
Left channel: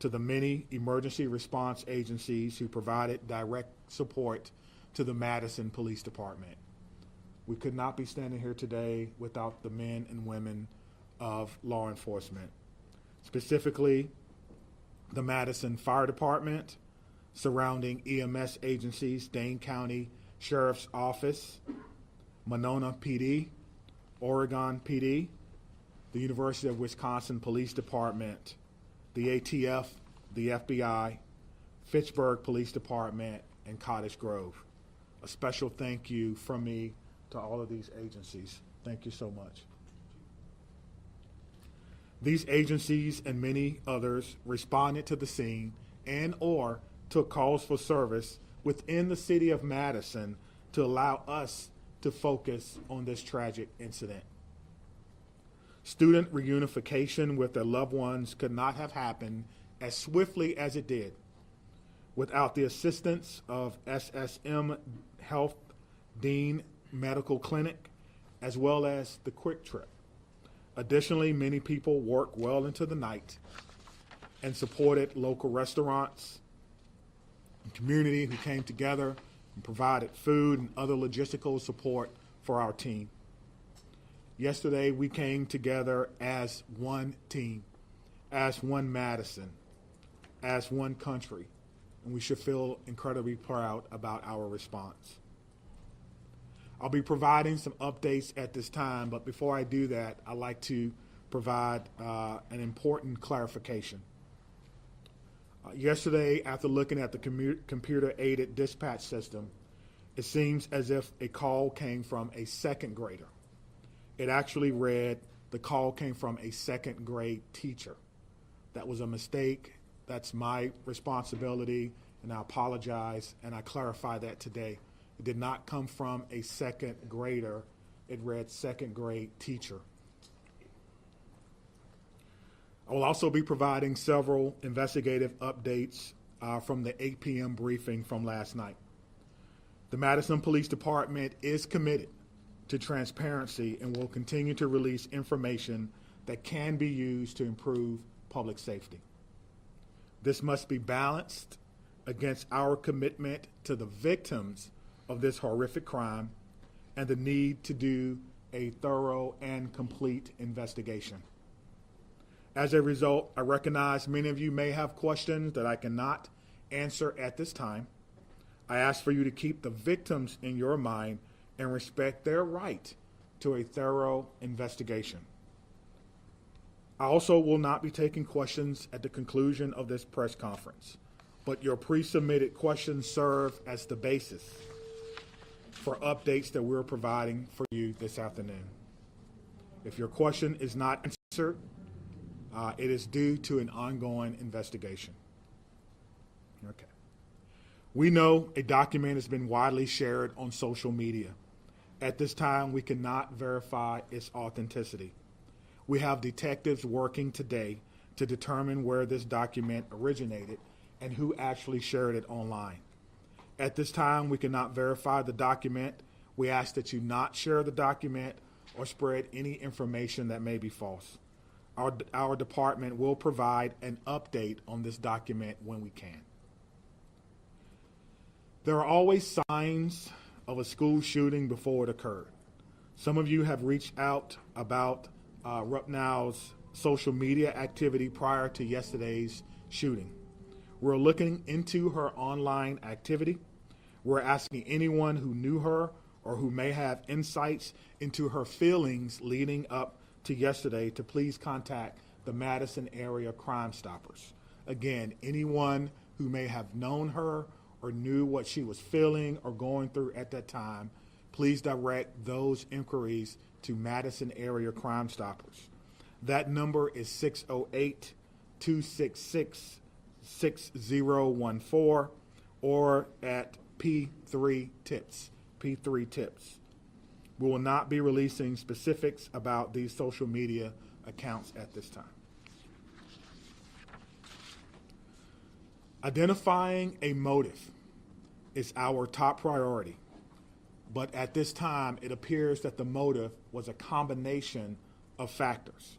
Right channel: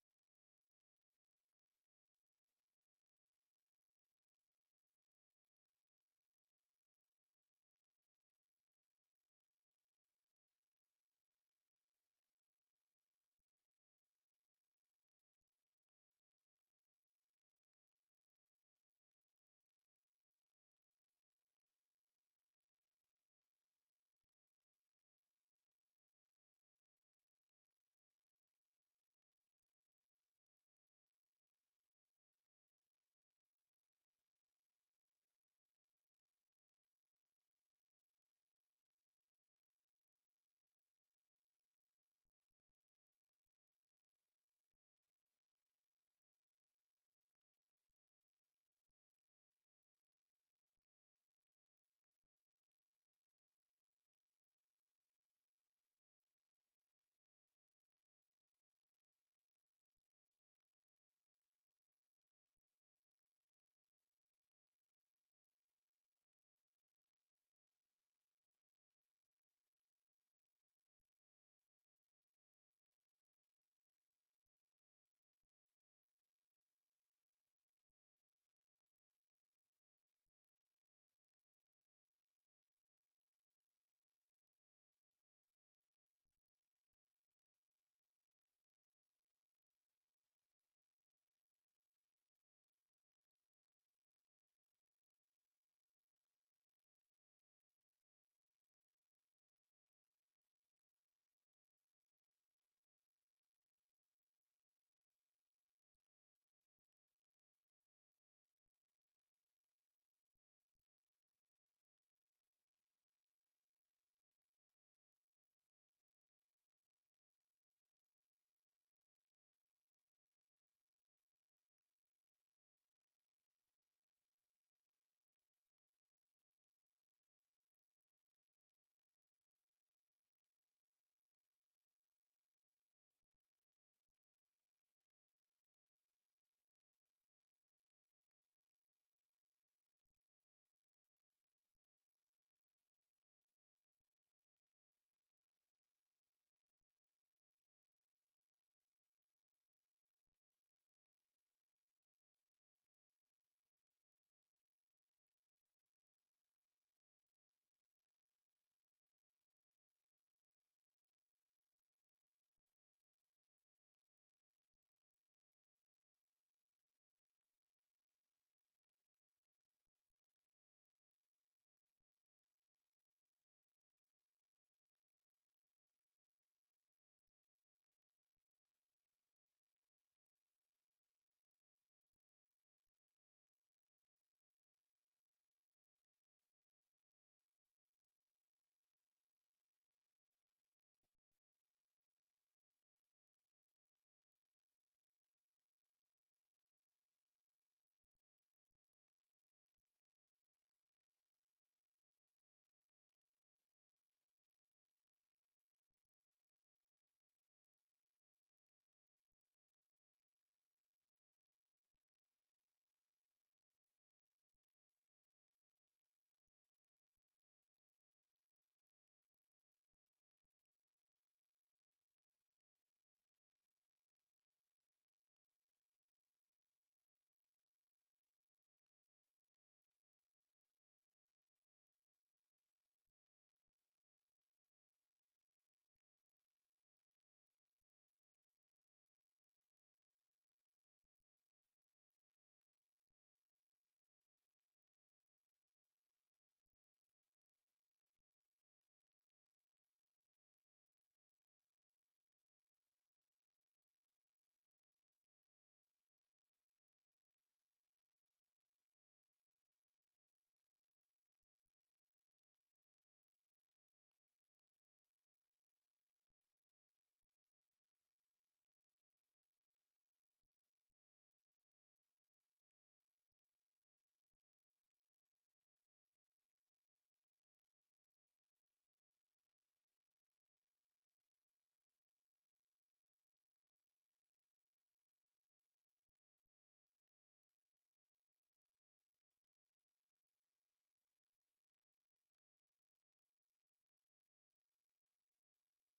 to the many emergency response agencies who provided direct support to the Madison Police Department. We could not be standing here today without the men and women of law enforcement, specifically the Madison Fire Department, surrounding EMS agencies, Dane County Sheriff's Office, Monona PD, Oregon PD, the University of Wisconsin Police Department, the ATF, the FBI, Fitchburg Police Department, and Cottage Grove. A special thank you from me to all of these agencies. Thank you so much. These agencies and many others responded to the scene and or took calls for service within the city of Madison to allow us to focus on this tragic incident. Student reunification with their loved ones could not have happened as swiftly as it did without the assistance of SSM Health Dean Medical Clinic, as well as the Quick Trip. Additionally, many people worked well into the night and supported local restaurants and community who came together and provided food and other logistical support for our team. Yesterday, we came together as one team, as one Madison, as one country, and we should feel incredibly proud about our response. I'll be providing some updates at this time, but before I do that, I'd like to provide an important clarification. Yesterday, after looking at the computer-aided dispatch system, it seems as if a call came from a second grader. It actually read the call came from a second grade teacher. That was a mistake. That's my responsibility, and I apologize, and I clarify that today. It did not come from a second grader. It read second grade teacher. I will also be providing several investigative updates from the 8 p.m. briefing from last night. The Madison Police Department is committed to transparency and will continue to release information that can be used to improve public safety. This must be balanced against our commitment to the victims of this horrific crime and the need to do a thorough and complete investigation. As a result, I recognize many of you may have questions that I cannot answer at this time. I ask for you to keep the victims in your mind and respect their right to a thorough investigation. I also will not be taking questions at the conclusion of this press conference, but your pre-submitted questions serve as the basis for updates that we're providing for you this afternoon. If your question is not answered, it is due to an ongoing investigation. Okay. We know a document has been widely shared on social media. At this time, we cannot verify its authenticity. We have detectives working today to determine where this document originated and who actually shared it online. At this time, we cannot verify the document. We ask that you not share the document or spread any information that may be false. Our department will provide an update on this document when we can. There are always signs of a school shooting before it occurred. Some of you have reached out about Rupnow's social media activity prior to yesterday's shooting. We're looking into her online activity. We're asking anyone who knew her or who may have insights into her feelings leading up to yesterday to please contact the Madison Area Crime Stoppers. Again, anyone who may have known her or knew what she was feeling or going through at that time, please direct those inquiries to Madison Area Crime Stoppers. That number is 608-266-6014 or at P3 Tips. P3 Tips. We will not be releasing specifics about these social media accounts at this time. Identifying a motive is our top priority, but at this time, it appears that the motive was a combination of factors.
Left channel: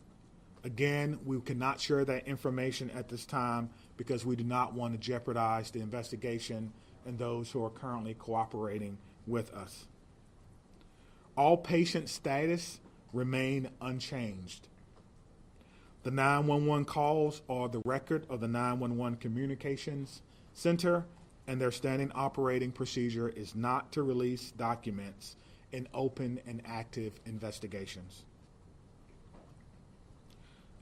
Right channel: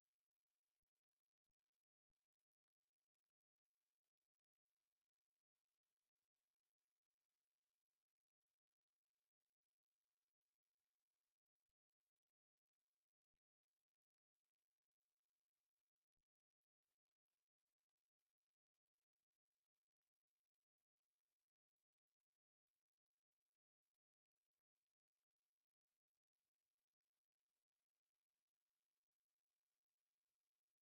Again, we cannot share that information at this time because we do not want to jeopardize the investigation and those who are currently cooperating with us. All patient status remain unchanged. The 911 calls are the record of the 911 Communications Center and their standing operating procedure is not to release documents in open and active investigations.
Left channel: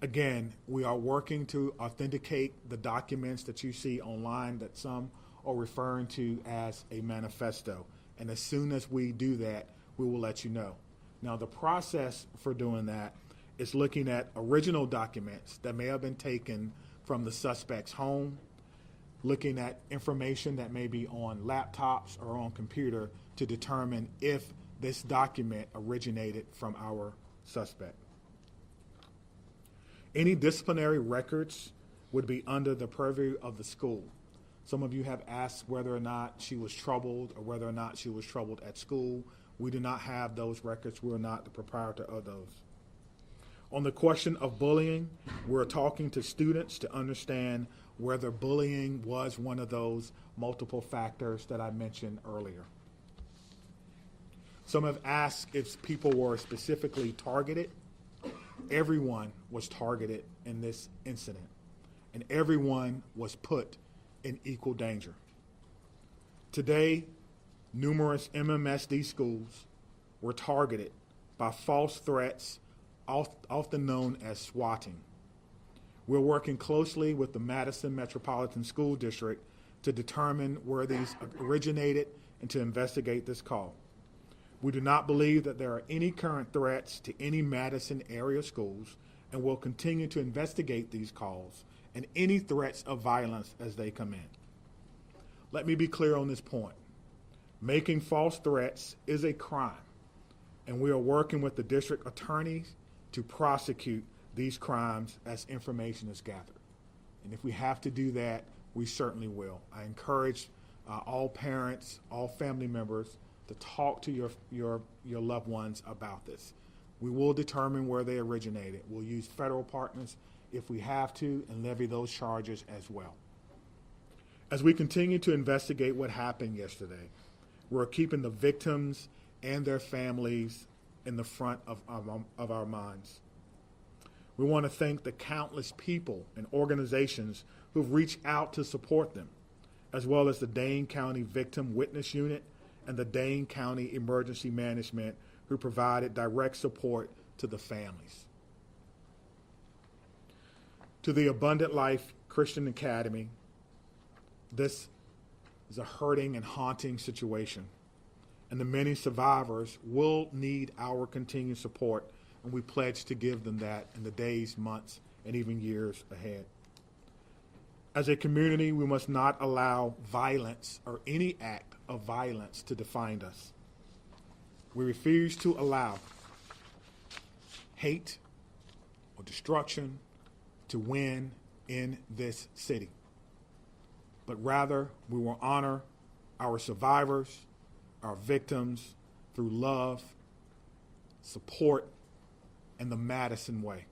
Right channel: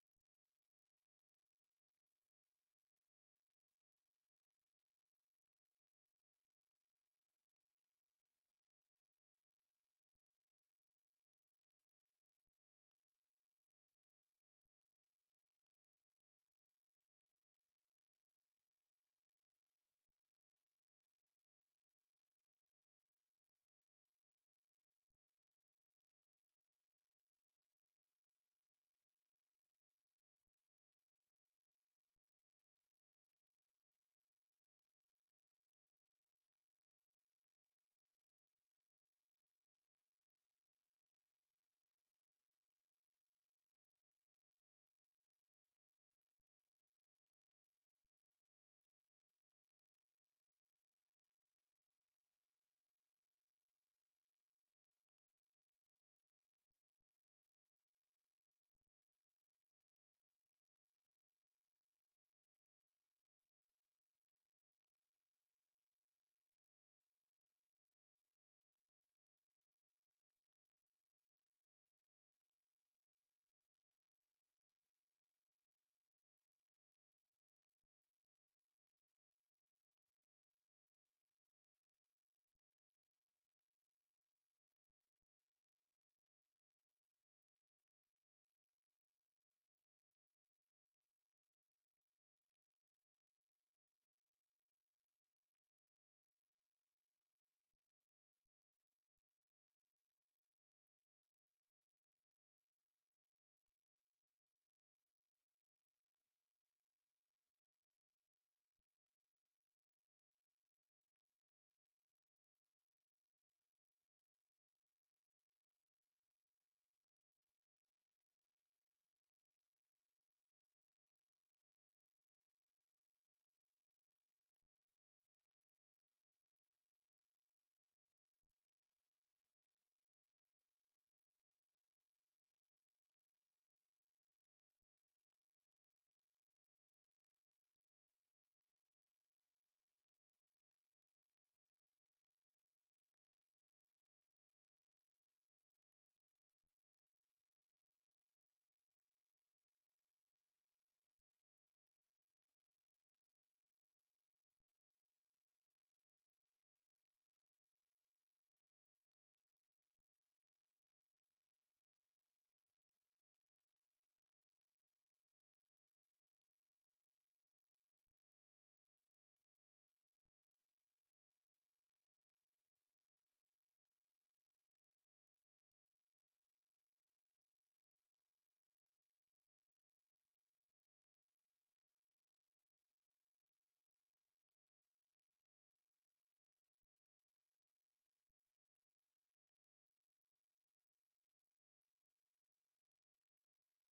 Again, we are working to authenticate the documents that you see online that some are referring to as a manifesto. And as soon as we do that, we will let you know. Now, the process for doing that is looking at original documents that may have been taken from the suspect's home, looking at information that may be on laptops or on computer to determine if this document originated from our suspect. Any disciplinary records would be under the purview of the school. Some of you have asked whether or not she was troubled or whether or not she was troubled at school. We do not have those records. We're not the proprietor of those. On the question of bullying, we're talking to students to understand whether bullying was one of those multiple factors that I mentioned earlier. Some have asked if people were specifically targeted. Everyone was targeted in this incident, and everyone was put in equal danger. Today, numerous MMSD schools were targeted by false threats, often known as swatting. We're working closely with the Madison Metropolitan School District to determine where these originated and to investigate this call. We do not believe that there are any current threats to any Madison area schools, and will continue to investigate these calls and any threats of violence as they come in. Let me be clear on this point. Making false threats is a crime, and we are working with the district attorneys to prosecute these crimes as information is gathered. And if we have to do that, we certainly will. I encourage all parents, all family members to talk to your loved ones about this. We will determine where they originated. We'll use federal partners if we have to and levy those charges as well. As we continue to investigate what happened yesterday, we're keeping the victims and their families in the front of our minds. We want to thank the countless people and organizations who've reached out to support them, as well as the Dane County Victim Witness Unit and the Dane County Emergency Management, who provided direct support to the families. To the Abundant Life Christian Academy, this is a hurting and haunting situation, and the many survivors will need our continued support, and we pledge to give them that in the days, months, and even years ahead. As a community, we must not allow violence or any act of violence to define us. We refuse to allow hate or destruction to win in this city, but rather we will honor our survivors, our victims through love, support, and the Madison way.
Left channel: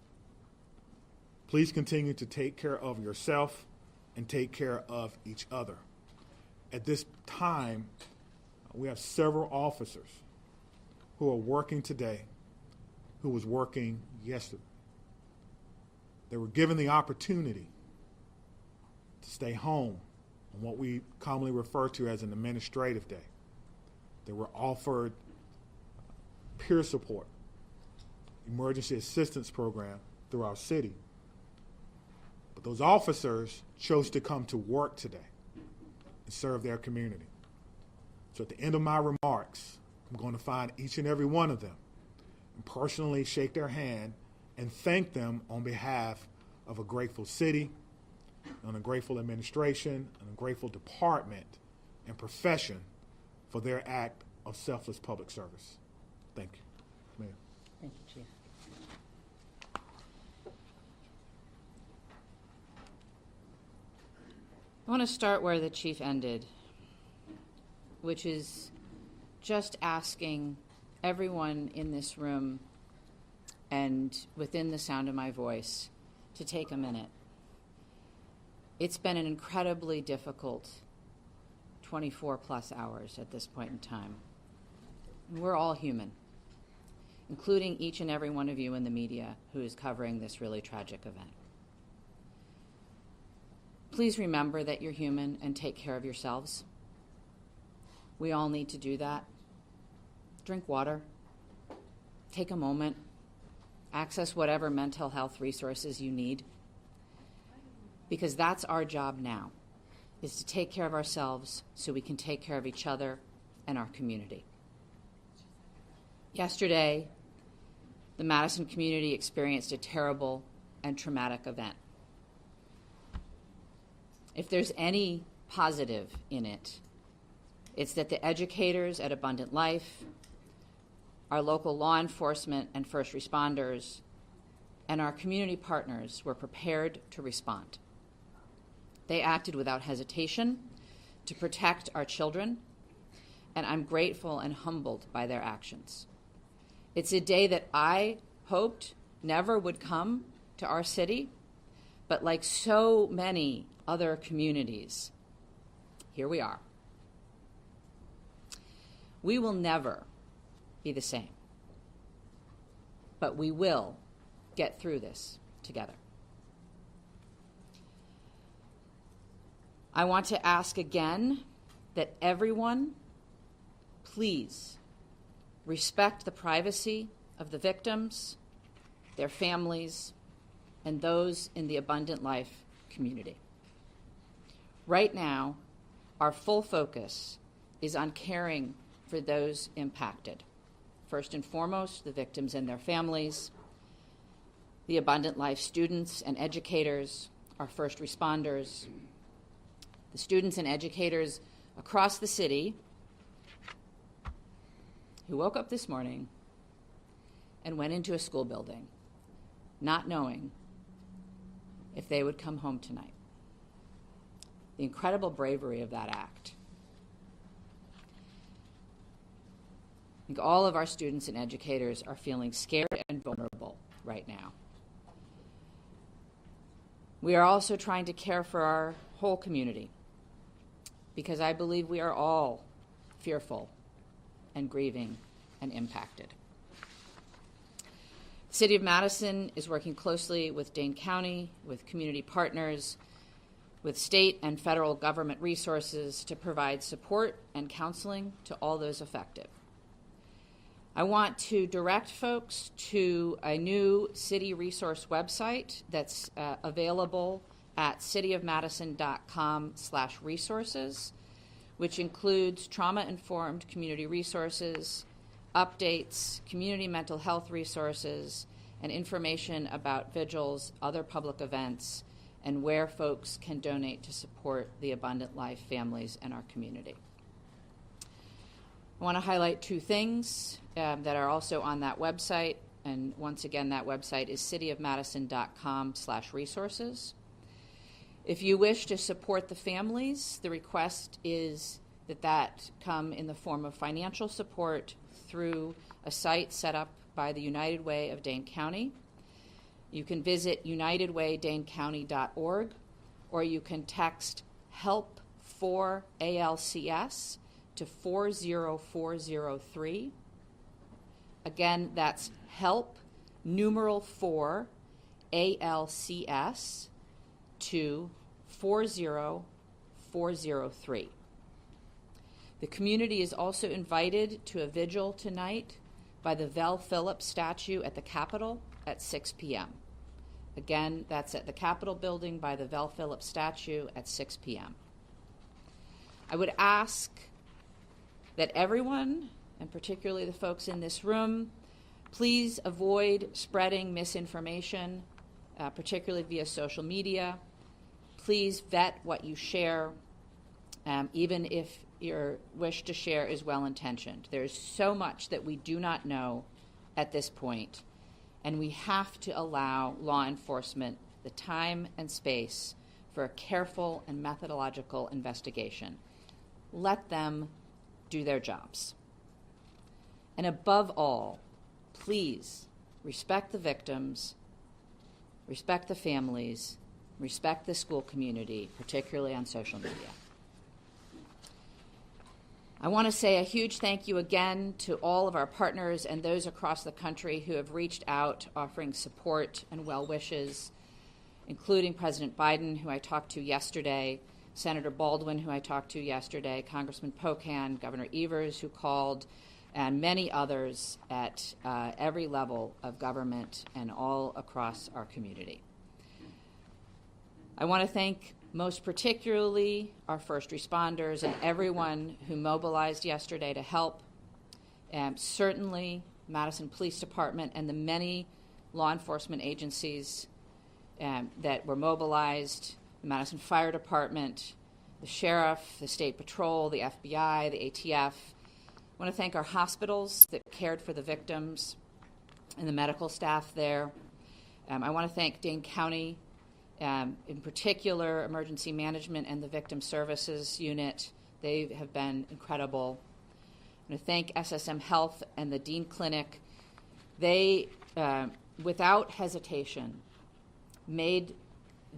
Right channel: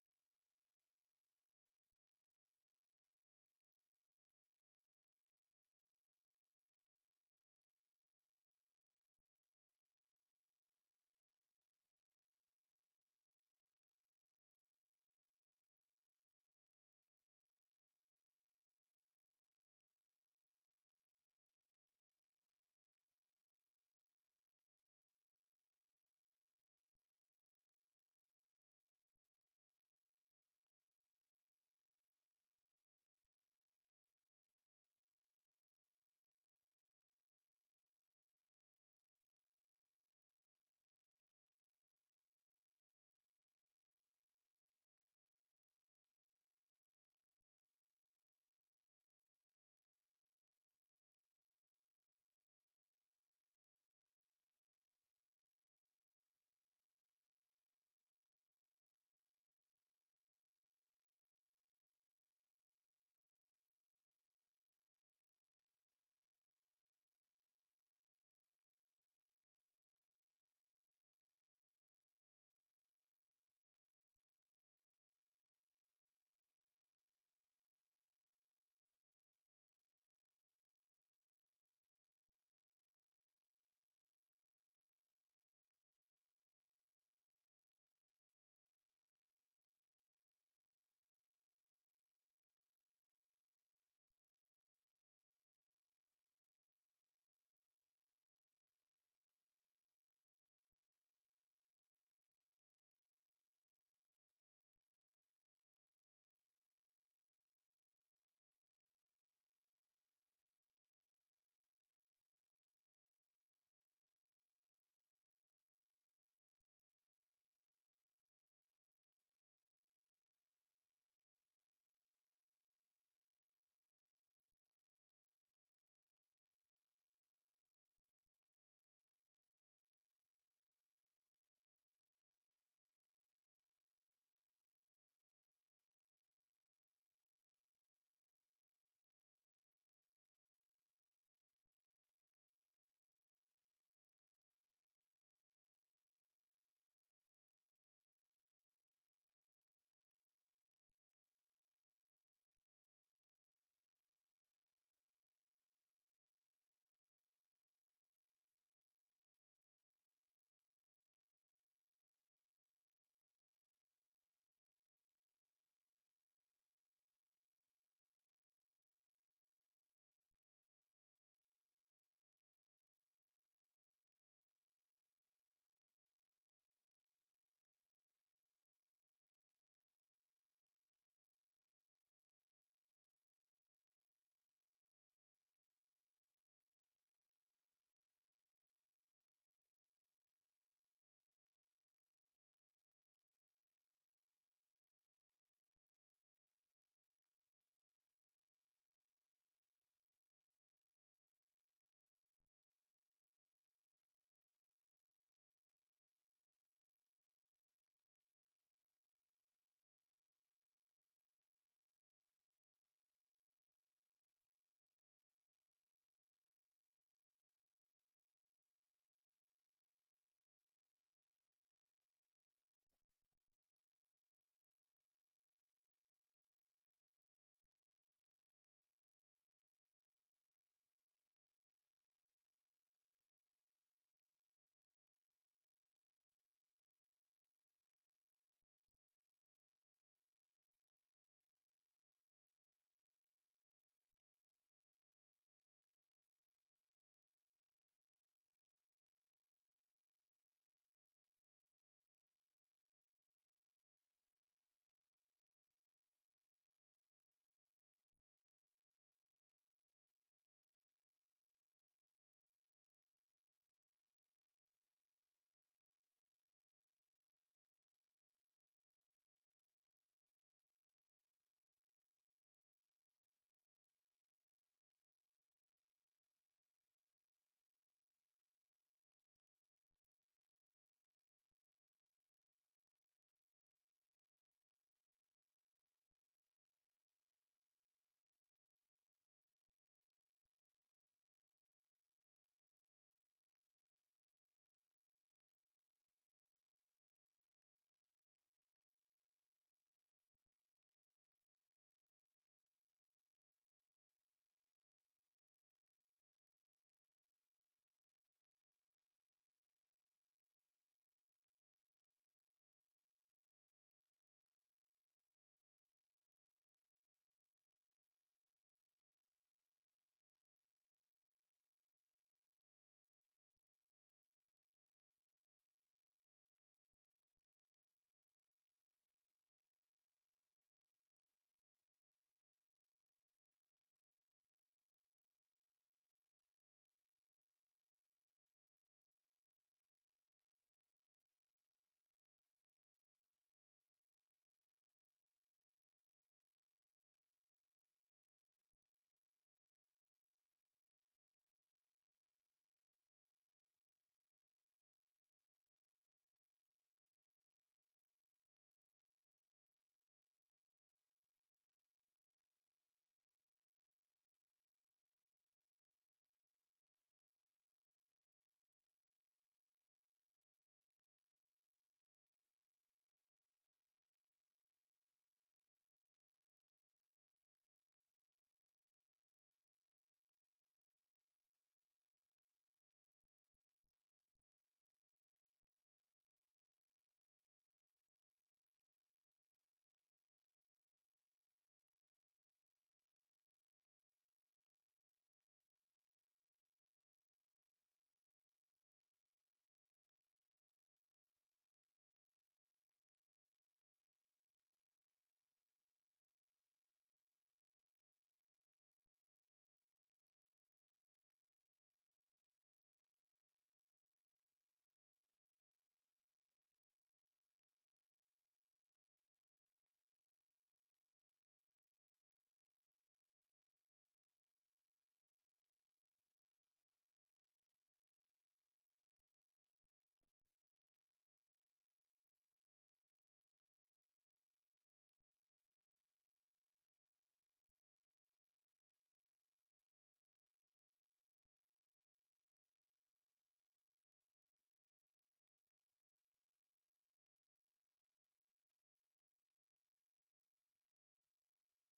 Please continue to take care of yourself and take care of each other. At this time, we have several officers who are working today who was working yesterday. They were given the opportunity to stay home on what we commonly refer to as an administrative day. They were offered peer support, emergency assistance program through our city. But those officers chose to come to work today and serve their community. So at the end of my remarks, I'm going to find each and every one of them and personally shake their hand and thank them on behalf of a grateful city, and a grateful administration, and a grateful department and profession for their act of selfless public service. Thank you. Mayor. Thank you, Chief. I want to start where the Chief ended, which is just asking everyone in this room and within the sound of my voice to take a minute. It's been an incredibly difficult 24 plus hours at this point in time. And we're all human, including each and every one of you in the media who is covering this really tragic event. please remember that you're human and take care of yourselves. We all need to do that. Drink water. Take a moment. Access whatever mental health resources you need. Because that's our job now, is to take care of ourselves so we can take care of each other and our community. Yesterday, the Madison community experienced a terrible and traumatic event. If there's any positive in it, it's that the educators at Abundant Life, our local law enforcement and first responders, and our community partners were prepared to respond. They acted without hesitation to protect our children, and I'm grateful and humbled by their actions. It's a day that I hoped never would come to our city, but like so many other communities, here we are. We will never be the same, but we will get through this together. I want to ask again that everyone, please respect the privacy of the victims, their families, and those in the Abundant Life community. Right now, our full focus is on caring for those impacted. First and foremost, the victims and their families, the Abundant Life students and educators, our first responders, the students and educators across the city who woke up this morning and went into a school building not knowing if they would come home tonight. The incredible bravery of that act. I think all of our students and educators are feeling scared and vulnerable right now. We are also trying to care for our whole community, because I believe we are all fearful and grieving and impacted. The City of Madison is working closely with Dane County, with community partners, with state and federal government resources to provide support and counseling to all those affected. I want to direct folks to a new city resource website that's available at cityofmadison.com/resources, which includes trauma-informed community resources, updates, community mental health resources, and information about vigils, other public events, and where folks can donate to support the Abundant Life families in our community. I want to highlight two things that are also on that website, and once again, that website is cityofmadison.com/resources. If you wish to support the families, the request is that come in the form of financial support through a site set up by the United Way of Dane County. You can visit unitedwaydanecounty.org, or you can text HELP for ALCS to 40403. Again, that's HELP numeral 4 ALCS to 40403. The community is also invited to a vigil tonight by the Vel Phillips statue at the Capitol at 6 p.m. Again, that's at the Capitol building by the Vel Phillips statue at 6 p.m. I would ask that everyone, and particularly the folks in this room, please avoid spreading misinformation, particularly via social media. Please vet what you share, even if your wish to share is well-intentioned. There's so much that we do not know at this point, and we have to allow law enforcement the time and space for a careful and methodological investigation. Let them do their jobs. And above all, please respect the victims, respect the families, respect the school community, particularly on social media. I want to say a huge thank you again to all of our partners and those across the country who have reached out offering support and well wishes. including President Biden, who I talked to yesterday, Senator Baldwin, who I talked to yesterday, Congressman Pocan, Governor Evers, who called, and many others at every level of government and all across our community. I want to thank most particularly our first responders and everyone who mobilized yesterday to help. Certainly Madison Police Department and the many law enforcement agencies that were mobilized, the Madison Fire Department, the Sheriff, the State Patrol, the FBI, the ATF. I want to thank our hospitals that cared for the victims and the medical staff there. I want to thank Dane County, in particular Emergency Management and the Victim Services Unit. They have been incredible. I want to thank SSM Health and the Dean Clinic. They, without hesitation, made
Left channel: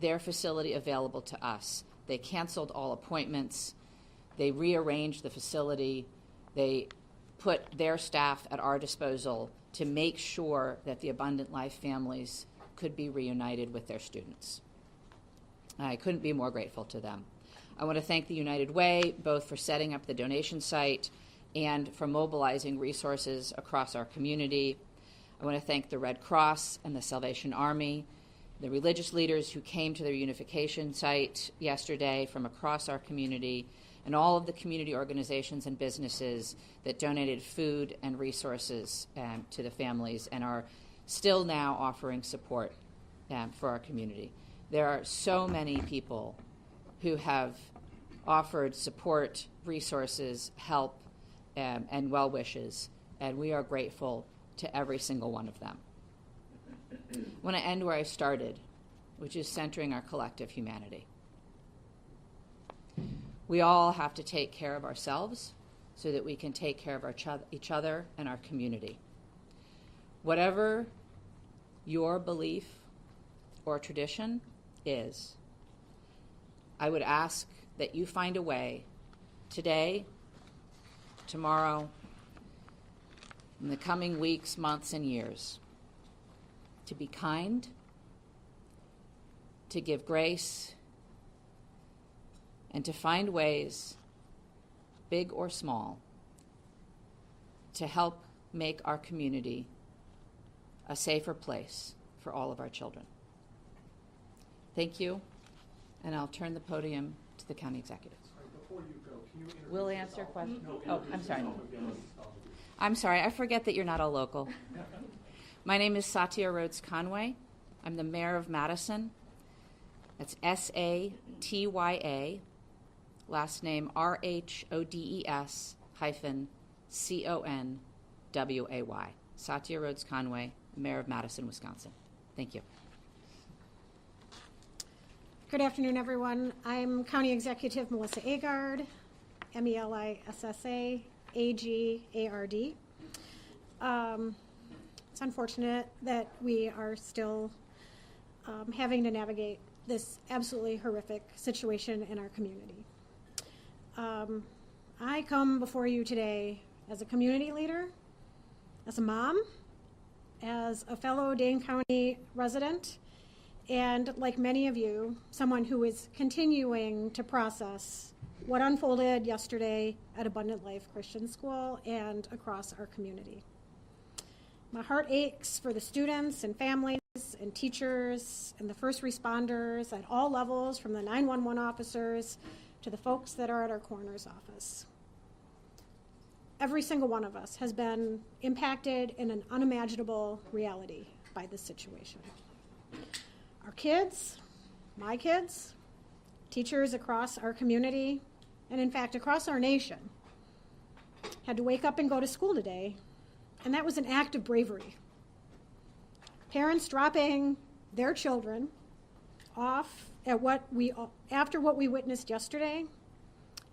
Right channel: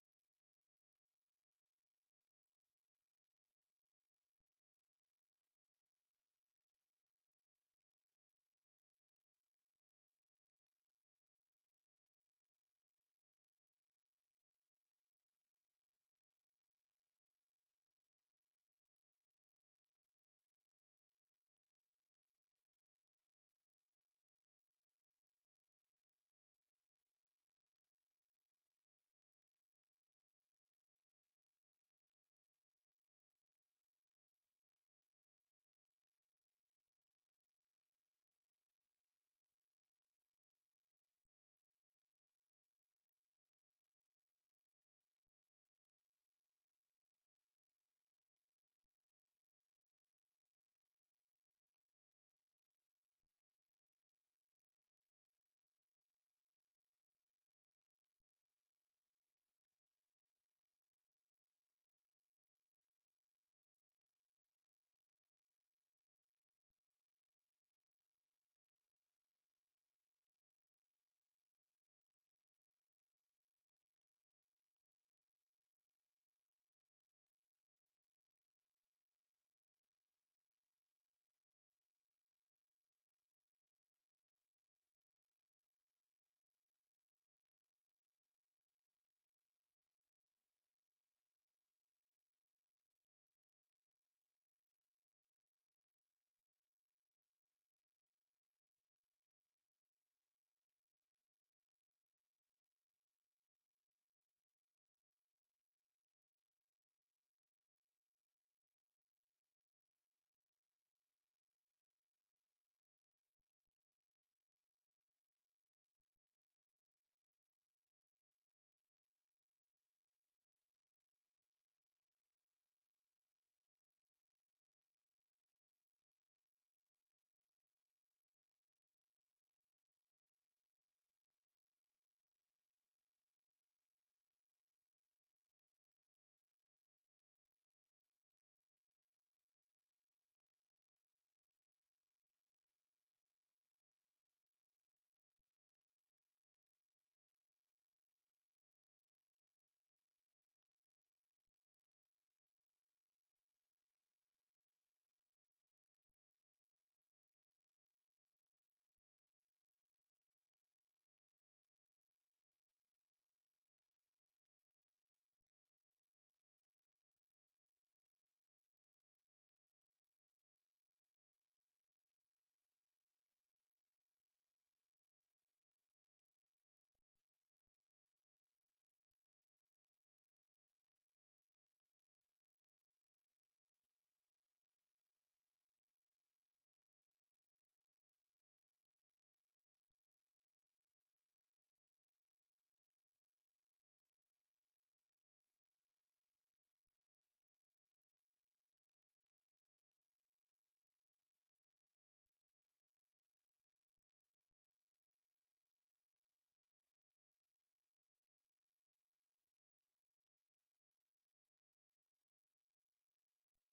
their facility available to us. They canceled all appointments. They rearranged the facility. They put their staff at our disposal to make sure that the Abundant Life families could be reunited with their students. I couldn't be more grateful to them. I want to thank the United Way, both for setting up the donation site and for mobilizing resources across our community. I want to thank the Red Cross and the Salvation Army, the religious leaders who came to their unification site yesterday from across our community, and all of the community organizations and businesses that donated food and resources to the families and are still now offering support for our community. There are so many people who have offered support, resources, help, and well wishes, and we are grateful to every single one of them. I want to end where I started, which is centering our collective humanity. We all have to take care of ourselves so that we can take care of each other and our community. Whatever your belief or tradition is, I would ask that you find a way today, tomorrow, in the coming weeks, months, and years to be kind, to give grace, and to find ways, big or small, to help make our community a safer place for all of our children. Thank you, and I'll turn the podium to the county executive. Before you go, can you introduce We'll answer yourself? questions. No, Oh, I'm sorry. introduce yourself again. I'm sorry, I forget that you're not a local. My name is Satya Rhodes Conway. I'm the mayor of Madison. That's S-A-T-Y-A, last name R-H-O-D-E-S -C-O-N-W-A-Y. Satya Rhodes Conway, mayor of Madison, Wisconsin. Thank you. Good afternoon, everyone. I'm County Executive Melissa Agard, M-E-L-I-S-S-A, A-G-A-R-D. It's unfortunate that we are still having to navigate this absolutely horrific situation in our community. I come before you today as a community leader, as a mom, as a fellow Dane County resident, and like many of you, someone who is continuing to process what unfolded yesterday at Abundant Life Christian School and across our community. My heart aches for the students and families and teachers and the first responders at all levels, from the 911 officers to the folks that are at our coroner's office. Every single one of us has been impacted in an unimaginable reality by this situation. Our kids, my kids, teachers across our community, and in fact across our nation, had to wake up and go to school today, and that was an act of bravery. Parents dropping their children off at after what we witnessed yesterday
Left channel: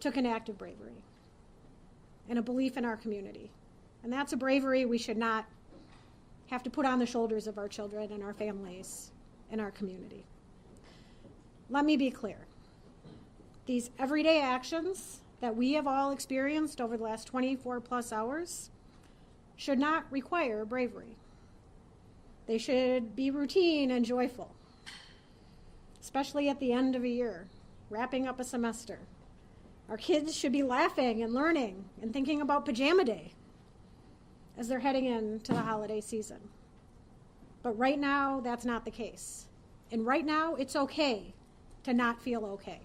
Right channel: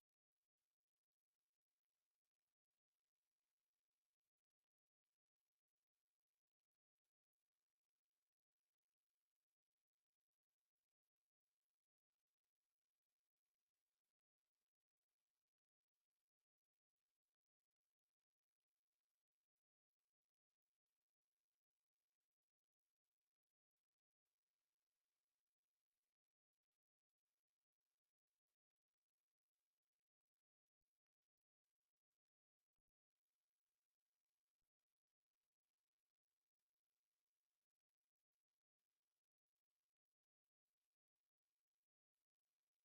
took an act of bravery and a belief in our community. And that's a bravery we should not have to put on the shoulders of our children and our families in our community. Let me be clear. These everyday actions that we have all experienced over the last 24 plus hours should not require bravery. They should be routine and joyful. especially at the end of a year, wrapping up a semester. Our kids should be laughing and learning and thinking about pajama day as they're heading into the holiday season. But right now, that's not the case. And right now, it's okay to not feel okay.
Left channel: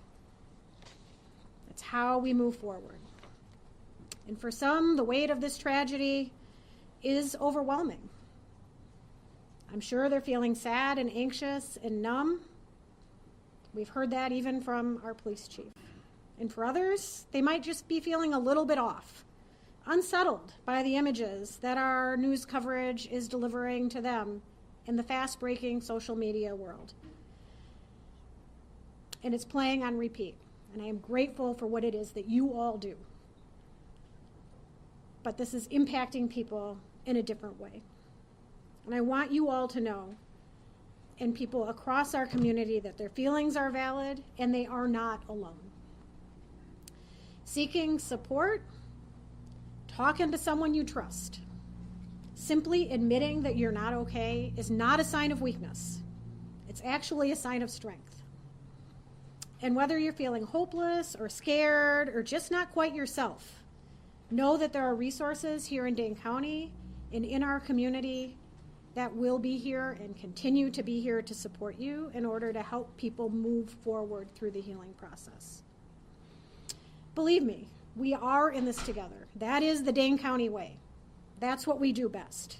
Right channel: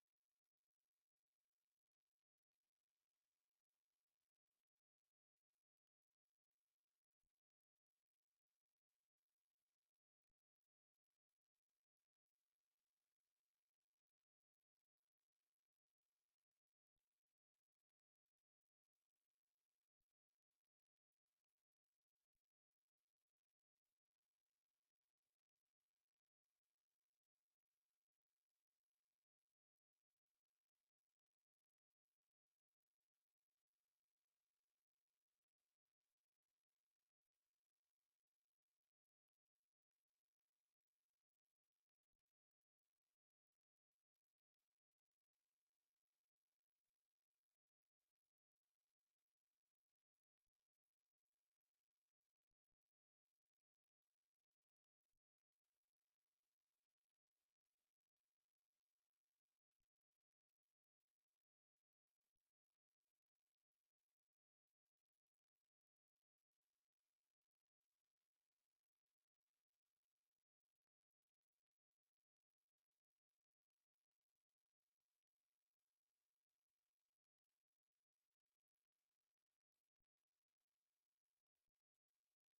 It's how we move forward. And for some, the weight of this tragedy is overwhelming. I'm sure they're feeling sad and anxious and numb. We've heard that even from our police chief. And for others, they might just be feeling a little bit off, unsettled by the images that our news coverage is delivering to them in the fast-breaking social media world. And it's playing on repeat. And I am grateful for what it is that you all do. But this is impacting people in a different way. And I want you all to know, and people across our community, that their feelings are valid and they are not alone. Seeking support, talking to someone you trust, simply admitting that you're not okay is not a sign of weakness. It's actually a sign of strength. And whether you're feeling hopeless or scared or just not quite yourself, know that there are resources here in Dane County and in our community that will be here and continue to be here to support you in order to help people move forward through the healing process. Believe me, we are in this together. That is the Dane County way. That's what we do best.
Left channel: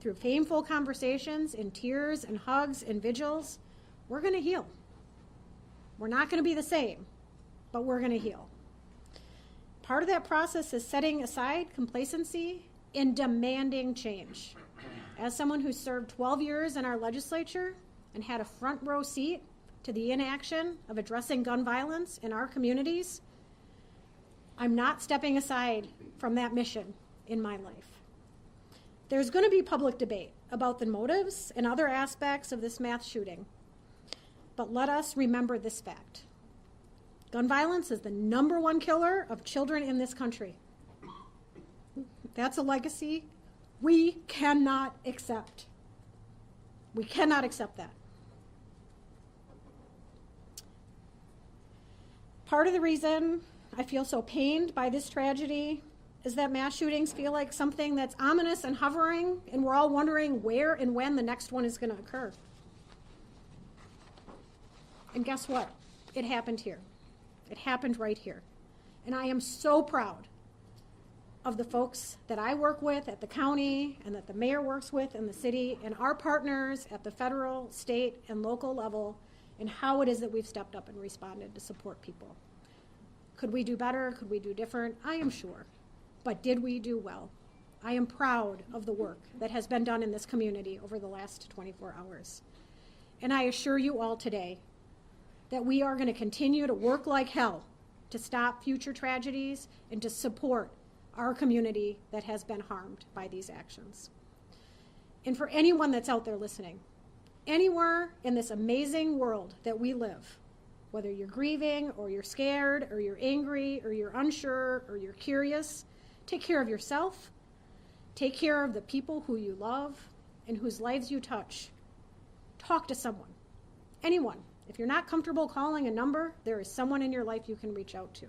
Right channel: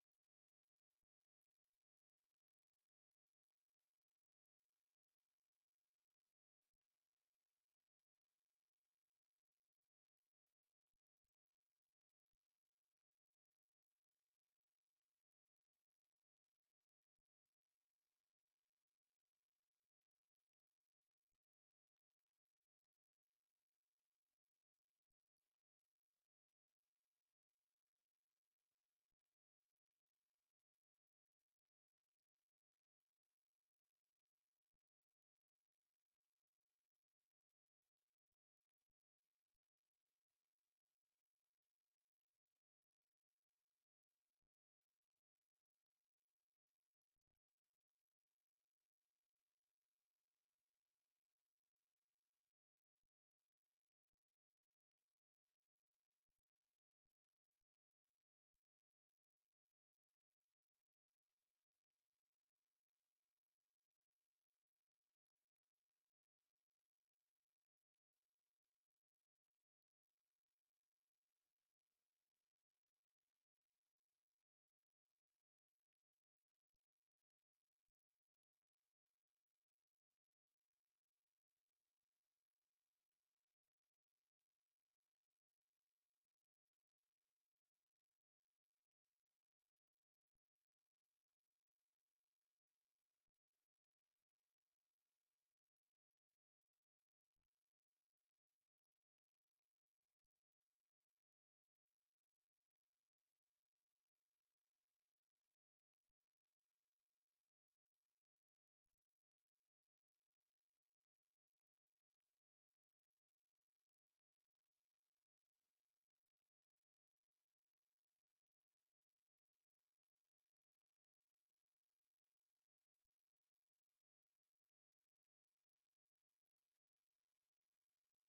Through painful conversations and tears and hugs and vigils, we're going to heal. We're not going to be the same, but we're going to heal. Part of that process is setting aside complacency and demanding change. As someone who served 12 years in our legislature and had a front row seat to the inaction of addressing gun violence in our communities, I'm not stepping aside from that mission in my life. There's going to be public debate about the motives and other aspects of this mass shooting, but let us remember this fact. Gun violence is the #1 killer of children in this country. That's a legacy we cannot accept. We cannot accept that. Part of the reason I feel so pained by this tragedy is that mass shootings feel like something that's ominous and hovering, and we're all wondering where and when the next one is going to occur. And guess what? It happened here. It happened right here. And I am so proud of the folks that I work with at the county and that the mayor works with in the city and our partners at the federal, state, and local level, and how it is that we've stepped up and responded to support people. Could we do better? Could we do different? I am sure. But did we do well? I am proud of the work that has been done in this community over the last 24 hours. And I assure you all today that we are going to continue to work like hell to stop future tragedies and to support our community that has been harmed by these actions. And for anyone that's out there listening, anywhere in this amazing world that we live, whether you're grieving or you're scared or you're angry or you're unsure or you're curious, take care of yourself, take care of the people who you love and whose lives you touch. Talk to someone, anyone. If you're not comfortable calling a number, there is someone in your life you can reach out to.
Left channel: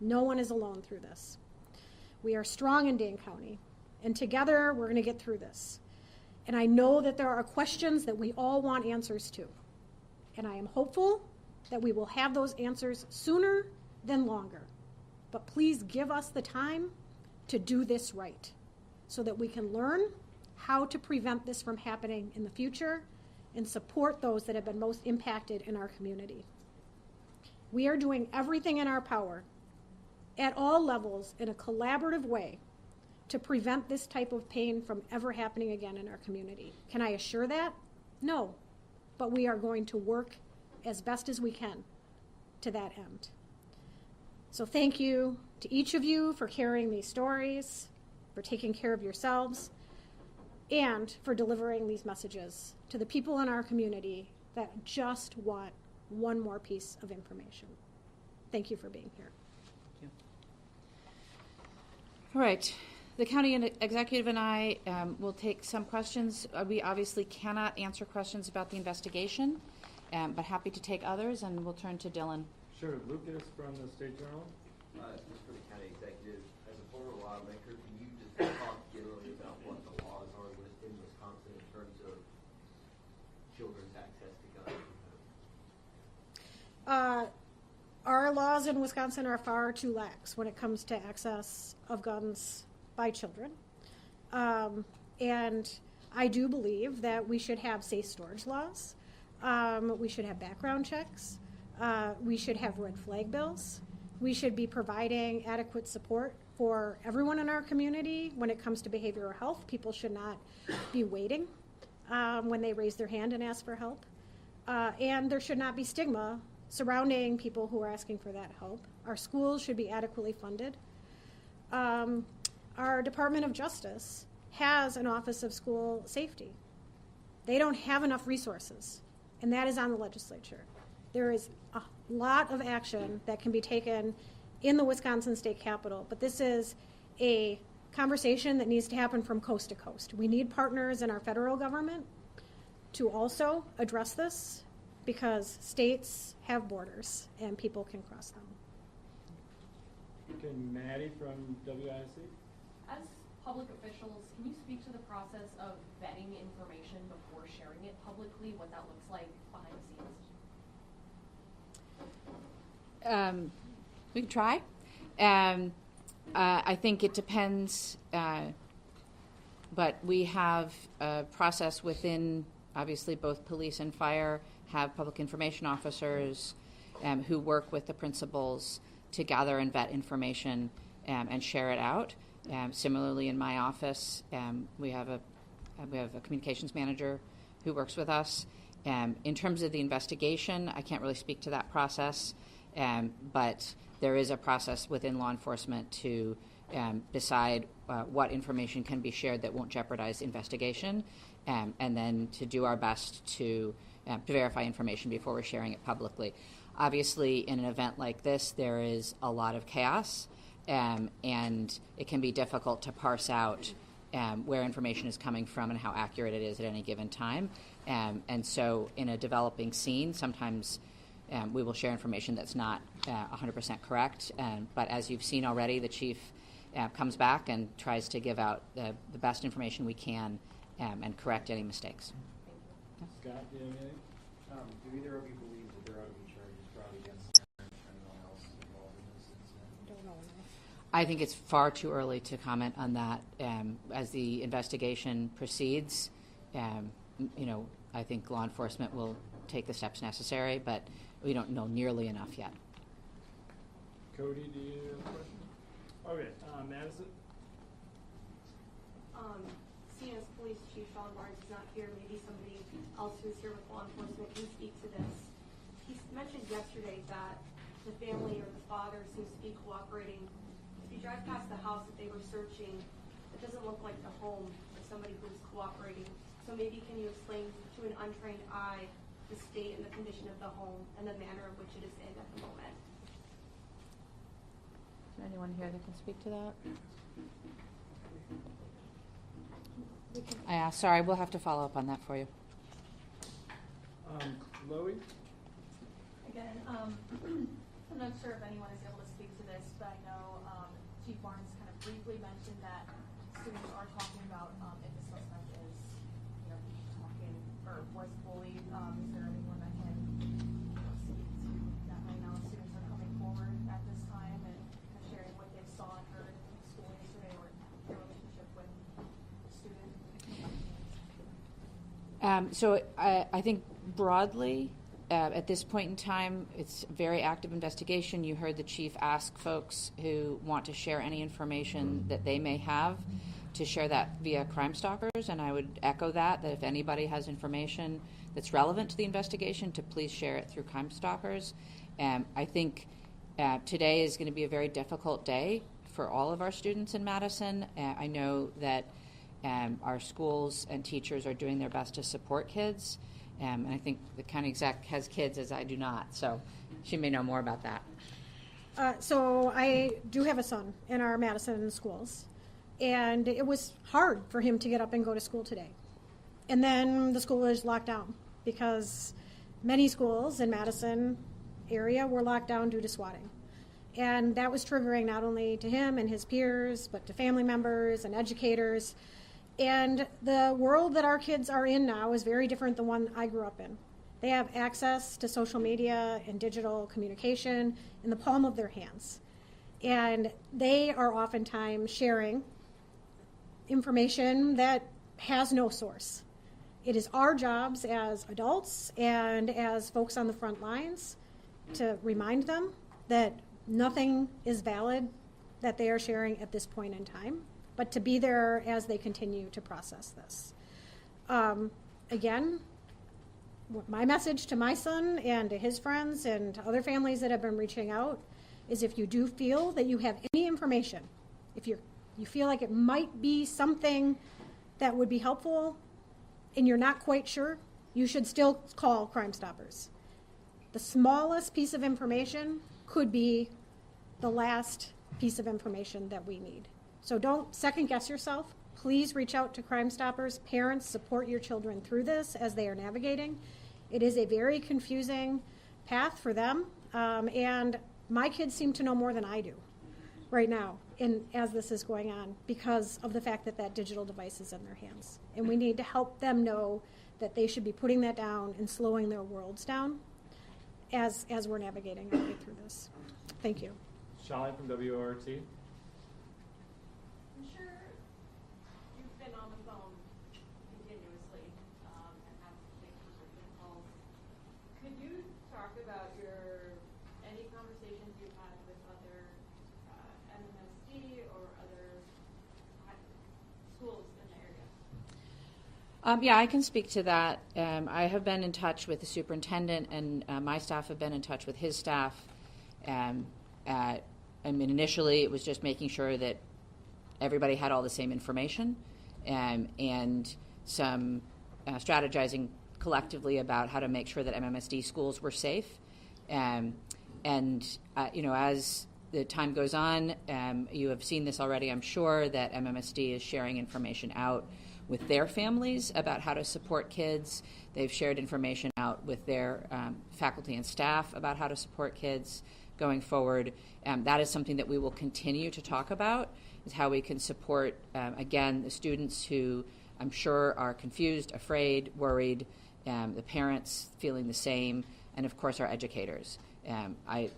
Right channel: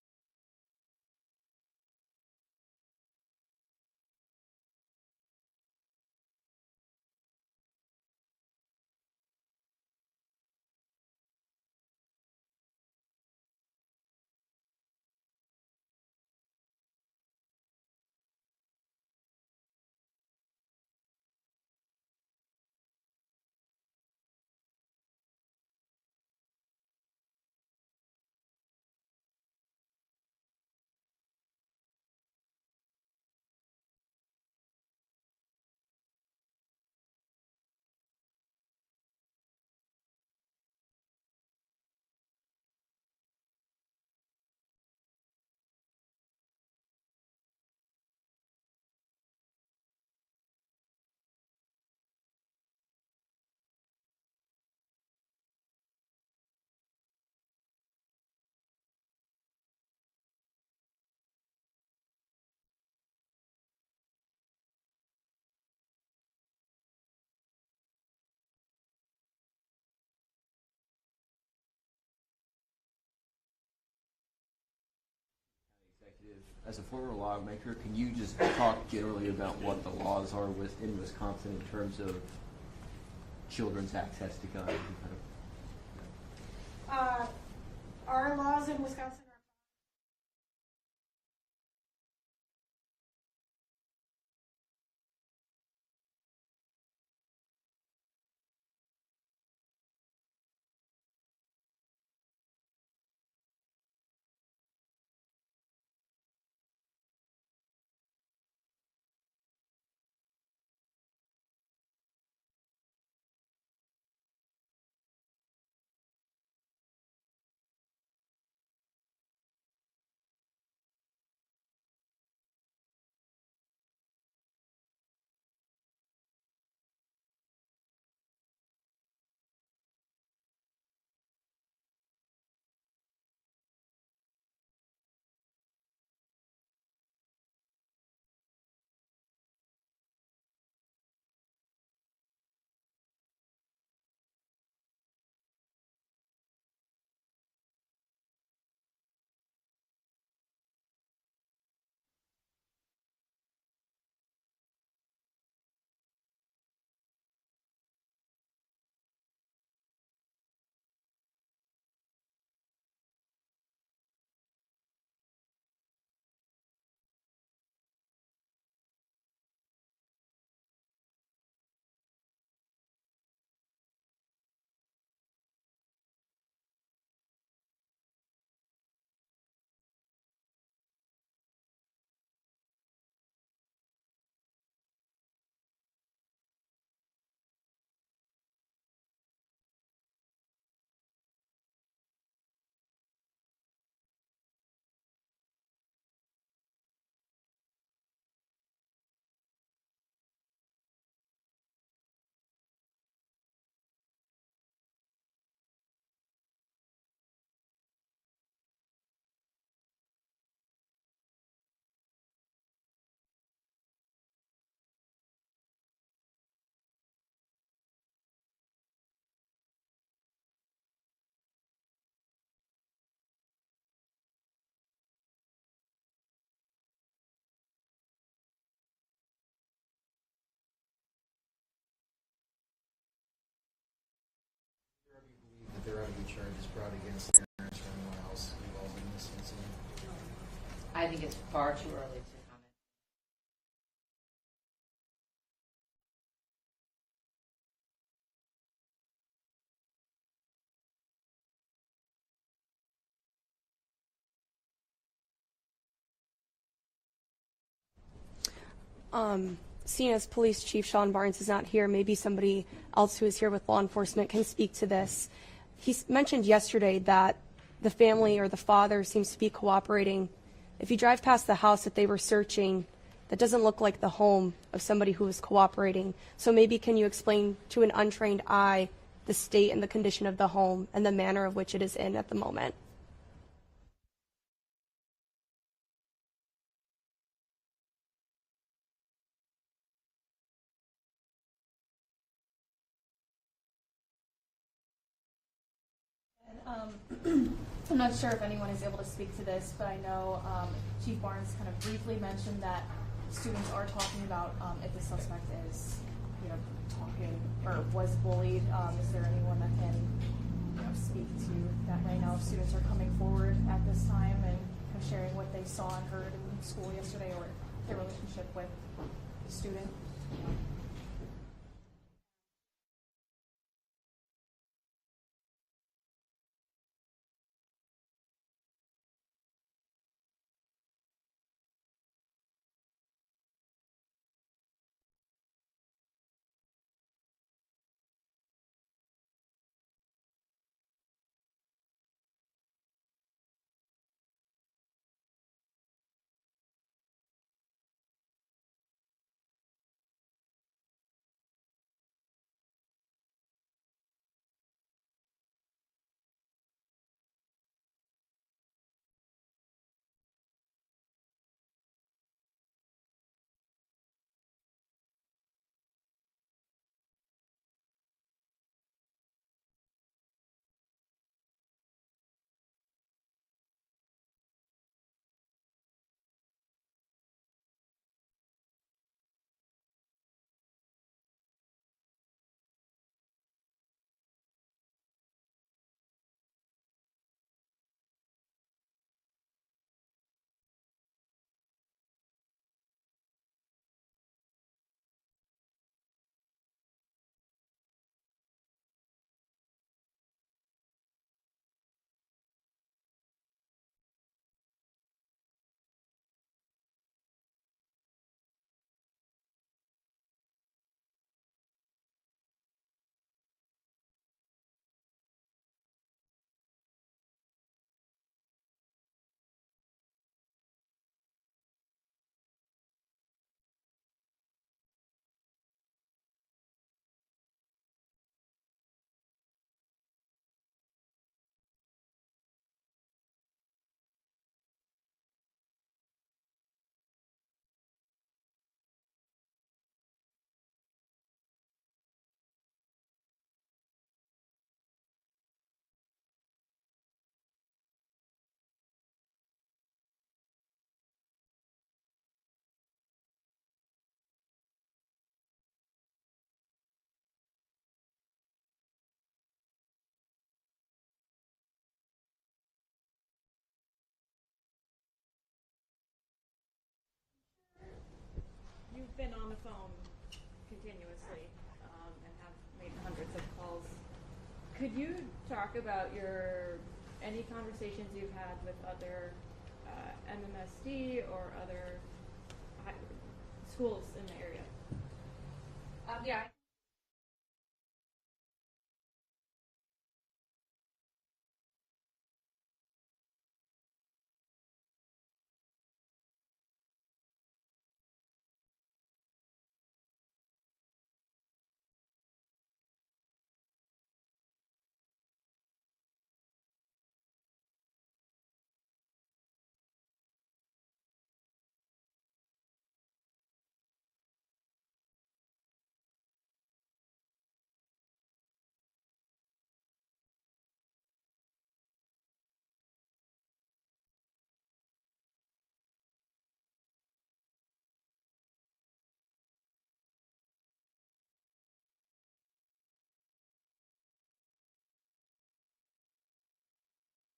No one is alone through this. We are strong in Dane County, and together we're going to get through this. And I know that there are questions that we all want answers to. And I am hopeful that we will have those answers sooner than longer. But please give us the time to do this right so that we can learn how to prevent this from happening in the future and support those that have been most impacted in our community. We are doing everything in our power at all levels in a collaborative way to prevent this type of pain from ever happening again in our community. Can I assure that? No, but we are going to work as best as we can to that end. So thank you to each of you for carrying these stories, for taking care of yourselves, and for delivering these messages to the people in our community that just want one more piece of information. Thank you for being here. All right. The county executive and I will take some questions. We obviously cannot answer questions about the investigation. but happy to take others, and we'll turn to Dylan. Sure. Lucas from the State Journal. Just for the county executive, as a former lawmaker, can you just talk generally about what the laws are in Wisconsin in terms of children's access to guns? Our laws in Wisconsin are far too lax when it comes to access of guns by children. And I do believe that we should have safe storage laws. We should have background checks. We should have red flag bills. We should be providing adequate support for everyone in our community when it comes to behavioral health. People should not be waiting when they raise their hand and ask for help. And there should not be stigma surrounding people who are asking for that help. Our schools should be adequately funded. Our Department of Justice has an Office of School Safety. They don't have enough resources, and that is on the legislature. There is a lot of action that can be taken in the Wisconsin State Capitol, but this is a conversation that needs to happen from coast to coast. We need partners in our federal government to also address this, because states have borders and people can cross them. Okay, Maddie from WIC. As public officials, can you speak to the process of vetting information before sharing it publicly, what that looks like behind the scenes? We can try. I think it depends, but we have a process within, obviously, both police and fire have public information officers who work with the principals to gather and vet information and share it out. Similarly, in my office, we have a communications manager who works with us. In terms of the investigation, I can't really speak to that process, but there is a process within law enforcement to decide what information can be shared that won't jeopardize the investigation, and then to do our best to verify information before we're sharing it publicly. Obviously, in an event like this, there is a lot of chaos, and it can be difficult to parse out where information is coming from and how accurate it is at any given time. And so in a developing scene, sometimes we will share information that's not 100% correct. But as you've seen already, the chief comes back and tries to give out the best information we can and correct any mistakes. Scott, do you have anything? Do either of you believe that there ought to be charges brought against parents or anyone else involved in this incident? I think it's far too early to comment on that. As the investigation proceeds, I think law enforcement will take the steps necessary, but we don't know nearly enough yet. Cody, do you have a question? Okay, Madison? Seeing as Police Chief Sean Barnes is not here, maybe somebody else who is here with law enforcement can speak to this. He mentioned yesterday that the family or the father seems to be cooperating. If you drive past the house that they were searching, that doesn't look like the home of somebody who is cooperating. So maybe can you explain to an untrained eye the state and the condition of the home and the manner of which it is in at the moment? Is there anyone here that can speak to that? Sorry, we'll have to follow up on that for you. Chloe? Again, I'm not sure if anyone is able to speak to this, but I know Chief Barnes kind of briefly mentioned that students are talking about if the suspect is, talking or was bullied. Is there anyone that can, speak to that right now? If students are coming forward at this time and sharing what they saw and heard in school yesterday, or their relationship with the student. So I think broadly, at this point in time, it's a very active investigation. You heard the chief ask folks who want to share any information that they may have to share that via Crime Stalkers, and I would echo that if anybody has information that's relevant to the investigation, to please share it through Crime Stalkers. I think today is going to be a very difficult day for all of our students in Madison. I know that our schools and teachers are doing their best to support kids. And I think the county exec has kids, as I do not, so she may know more about that. So I do have a son in our Madison schools, and it was hard for him to get up and go to school today. And then the school is locked down because many schools in Madison area were locked down due to swatting. And that was triggering not only to him and his peers, but to family members and educators. And the world that our kids are in now is very different than one I grew up in. They have access to social media and digital communication in the palm of their hands. And they are oftentimes sharing information that has no source. It is our jobs as adults and as folks on the front lines to remind them that nothing is valid that they are sharing at this point in time, but to be there as they continue to process this. Again, my message to my son and to his friends and to other families that have been reaching out is if you do feel that you have any information, if you feel like it might be something that would be helpful and you're not quite sure, you should still call Crime Stoppers. The smallest piece of information could be the last piece of information that we need. So don't second guess yourself. Please reach out to Crime Stoppers. Parents, support your children through this as they are navigating. It is a very confusing path for them, and my kids seem to know more than I do right now as this is going on because of the fact that that digital device is in their hands. And we need to help them know that they should be putting that down and slowing their worlds down as we're navigating our way through this. Thank you. Shalini from WORT. I'm sure you've been on the phone continuously and have made hundreds of calls. Could you talk about any conversations you've had with other MMSD or other schools in the area? Yeah, I can speak to that. I have been in touch with the superintendent, and my staff have been in touch with his staff. Initially, it was just making sure that everybody had all the same information, and some strategizing collectively about how to make sure that MMSD schools were safe. As the time goes on, you have seen this already, I'm sure, that MMSD is sharing information out with their families about how to support kids. They've shared information out with their faculty and staff about how to support kids going forward. That is something that we will continue to talk about, is how we can support, again, the students who I'm sure are confused, afraid, worried, the parents feeling the same, and of course our educators.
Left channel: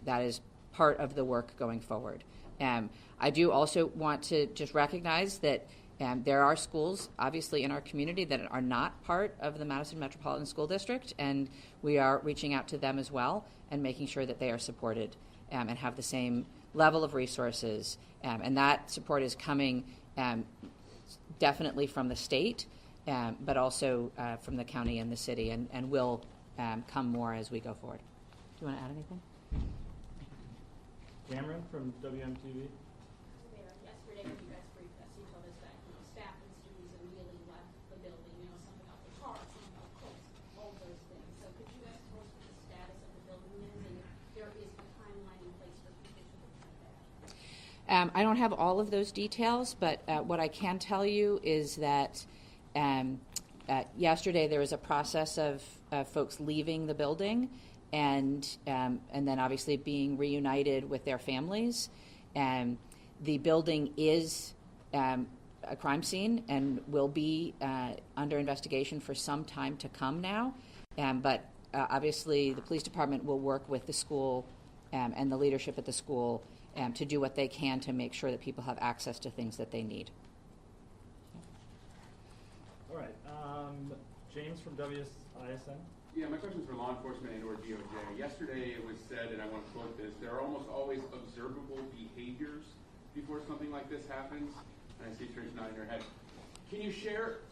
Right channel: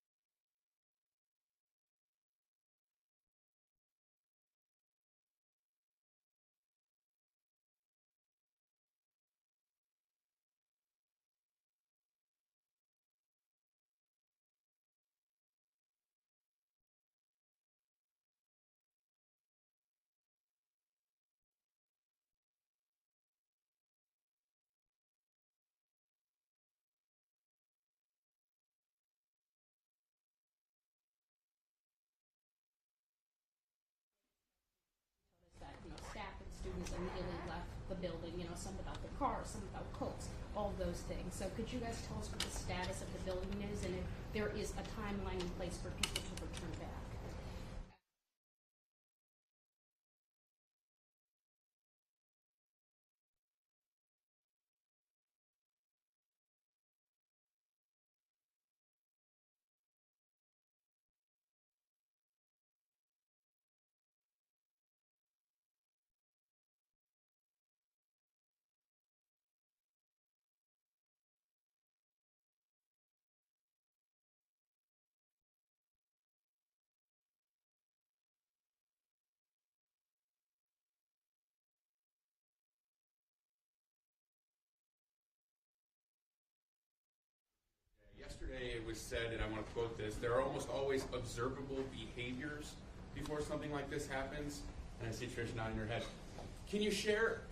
That is part of the work going forward. I do also want to just recognize that there are schools, obviously, in our community that are not part of the Madison Metropolitan School District, and we are reaching out to them as well and making sure that they are supported and have the same level of resources. And that support is coming definitely from the state, but also from the county and the city, and will come more as we go forward. Do you want to add anything? Cameron from WMTV. Yesterday when you guys briefed us, you told us that staff and students immediately left the building, some about their cars, some about coats, all those things. So could you guys tell us what the status of the building is and if there is a timeline in place for people to return back? I don't have all of those details, but what I can tell you is that yesterday there was a process of folks leaving the building and then obviously being reunited with their families. The building is a crime scene and will be under investigation for some time to come now. But obviously the police department will work with the school and the leadership at the school to do what they can to make sure that people have access to things that they need. All right. James from WISN. Yeah, my question is for law enforcement and or DOJ. Yesterday it was said, and I want to quote this, there are almost always observable behaviors before something like this happens. And I see Trish nodding her head. Can you share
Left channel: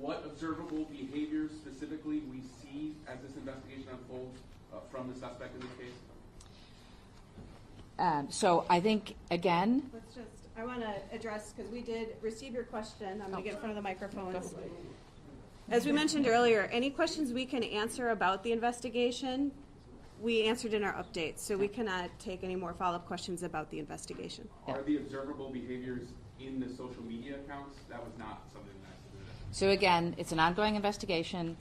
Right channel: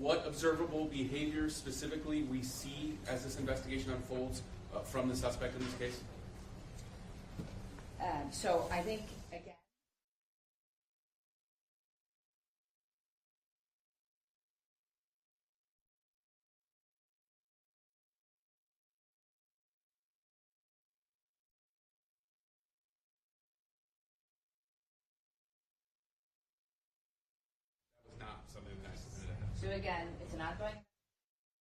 what observable behaviors specifically we see as this investigation unfolds from the suspect in this case? So I think, again... I want to address, because we did receive your question. I'm going to get in front of the microphones. As we mentioned earlier, any questions we can answer about the investigation, we answered in our updates, so we cannot take any more follow-up questions about the investigation. Are the observable behaviors in the social media accounts? That was not something that I said. So again, it's an ongoing investigation,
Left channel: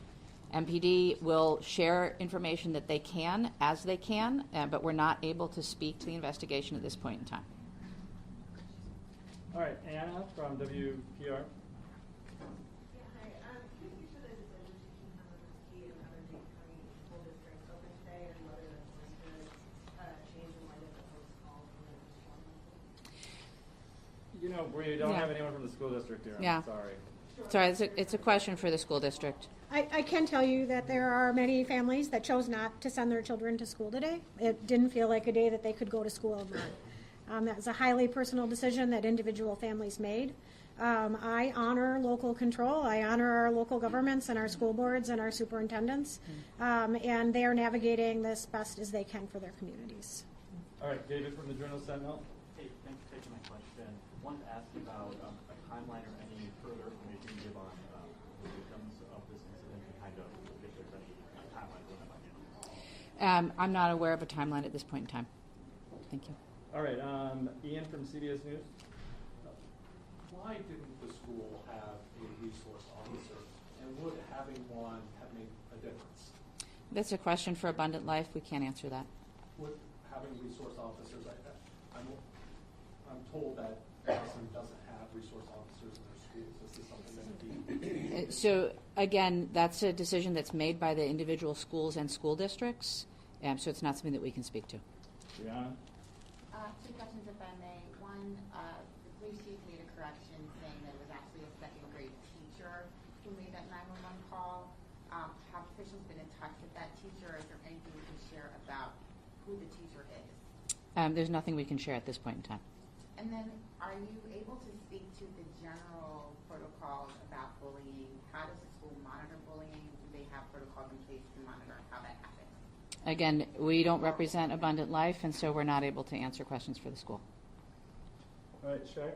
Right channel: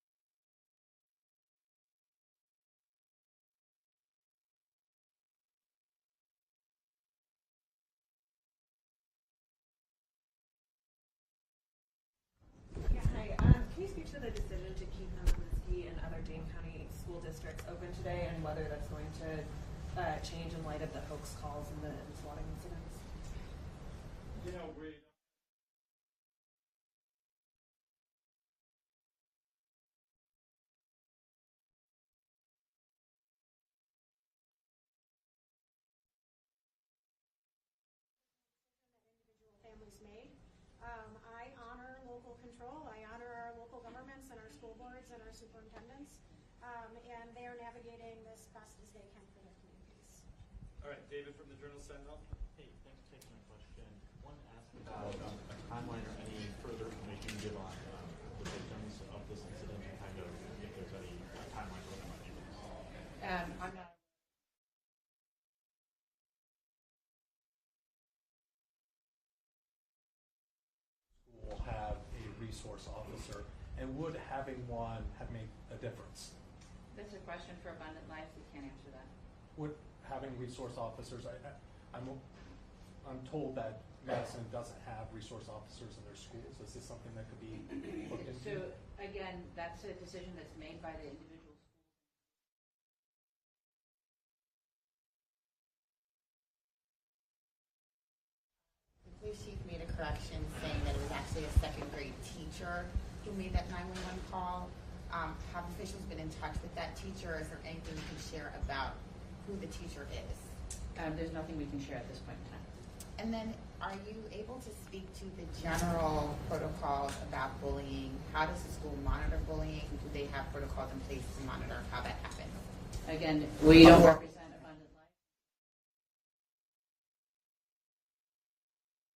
MPD will share information that they can as they can, but we're not able to speak to the investigation at this point in time. All right, Anna from WKOW. Yeah, hi. Can you speak to the decision to keep Madison and other Dane County school districts open today, and whether that's going to change in light of the hoax calls and the swatting incidents? You know, we don't Yeah. have anyone from the school district here. Yeah. I'm sorry. Sorry, it's a question for the school district. I can tell you that there are many families that chose not to send their children to school today. It didn't feel like a day that they could go to school. That was a highly personal decision that individual families made. I honor local control. I honor our local governments and our school boards and our superintendents, and they are navigating this best as they can for their communities. All right, David from the Journal Sentinel. Hey, thanks for taking my question. Wanted to ask you about a timeline or any further information you give on the victims of this incident and kind of if there's any timeline for when that might be released. I'm not aware of a timeline at this point in time. Thank you. All right, Ian from CBS News. Why didn't the school have a resource officer, and would having one have made a difference? That's a question for Abundant Life. We can't answer that. Would having resource officers, I'm told that Madison doesn't have resource officers in their schools. This is something that would be. So again, that's a decision that's made by the individual schools and school districts, so it's not something that we can speak to. Brianna? Two questions, if I may. One, the police chief made a correction saying that it was actually a second grade teacher who made that 911 call. Have officials been in touch with that teacher? Is there anything you can share about who the teacher is? There's nothing we can share at this point in time. And then, are you able to speak to the general protocols about bullying? How does the school monitor bullying? Do they have protocols in place to monitor how that happens? Again, we don't represent Abundant Life, and so we're not able to answer questions for the school. All right, Shaq?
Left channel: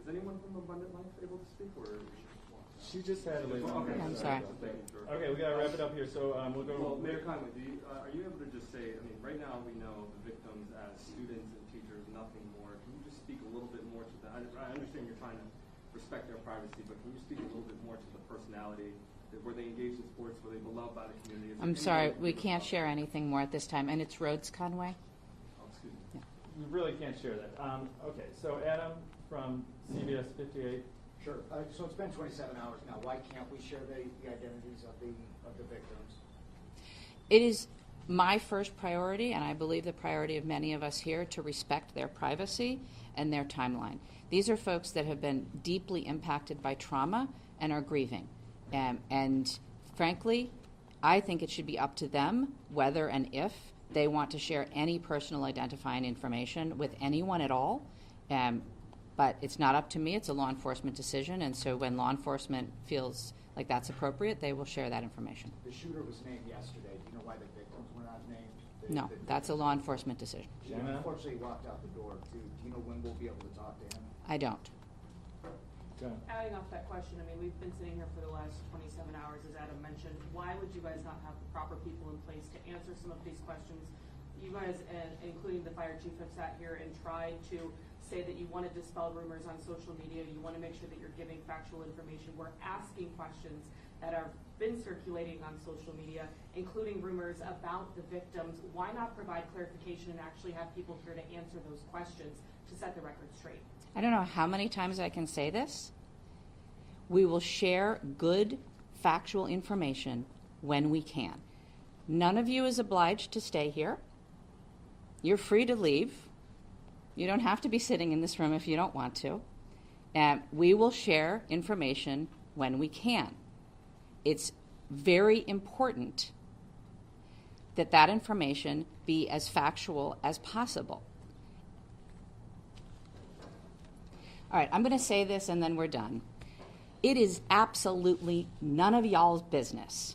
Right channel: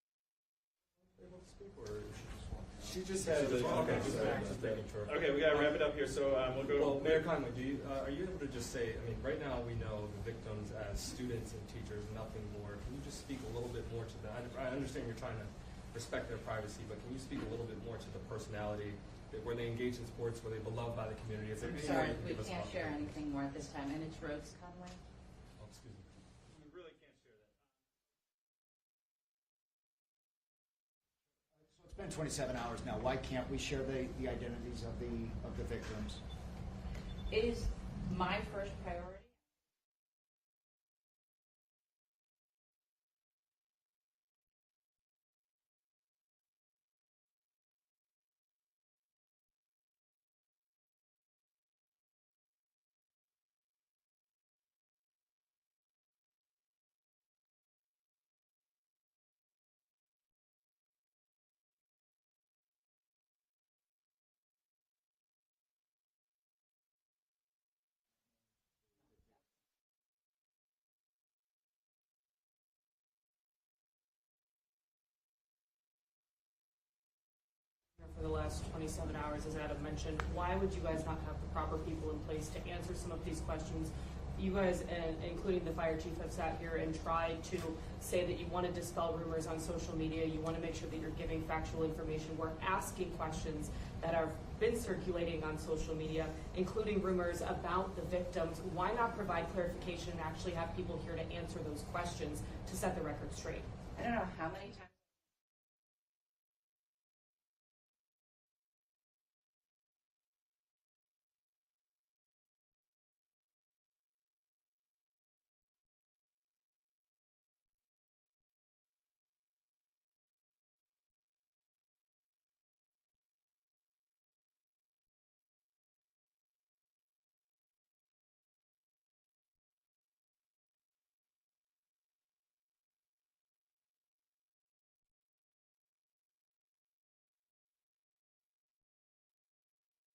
Is anyone from Abundant Life able to speak, or she just wants to? She just had it. Okay, I'm sorry. just making sure. Okay, we gotta wrap it up here, so we'll go. Well, Mayor Conway, are you able to just say, I mean, right now we know the victims as students and teachers, nothing more. Can you just speak a little bit more to that? I understand you're trying to respect their privacy, but can you speak a little bit more to the personality? Were they engaged in sports? Were they beloved by the community? I'm sorry, we can't share anything more at this time, and it's Rhodes Conway. Oh, excuse me. Yeah. We really can't share that. Okay, so Adam from CBS 58. Sure. So it's been 27 hours now. Why can't we share the identities of the victims? It is my first priority, and I believe the priority of many of us here, to respect their privacy and their timeline. These are folks that have been deeply impacted by trauma and are grieving. And frankly, I think it should be up to them whether and if they want to share any personal identifying information with anyone at all. But it's not up to me. It's a law enforcement decision. And so when law enforcement feels like that's appropriate, they will share that information. The shooter was named yesterday. Do you know why the victims were not named? No, that's a law enforcement decision. She unfortunately walked out the door, too. Do you know when we'll be able to talk to him? I don't. Adding off that question, I mean, we've been sitting here for the last 27 hours, as Adam mentioned. Why would you guys not have the proper people in place to answer some of these questions? You guys, including the fire chief, have sat here and tried to say that you want to dispel rumors on social media. You want to make sure that you're giving factual information. We're asking questions that have been circulating on social media, including rumors about the victims. Why not provide clarification and actually have people here to answer those questions to set the record straight? I don't know how many times I can say this. We will share good, factual information when we can. None of you is obliged to stay here. You're free to leave. You don't have to be sitting in this room if you don't want to. We will share information when we can. It's very important that that information be as factual as possible. All right, I'm going to say this and then we're done. It is absolutely none of y'all's business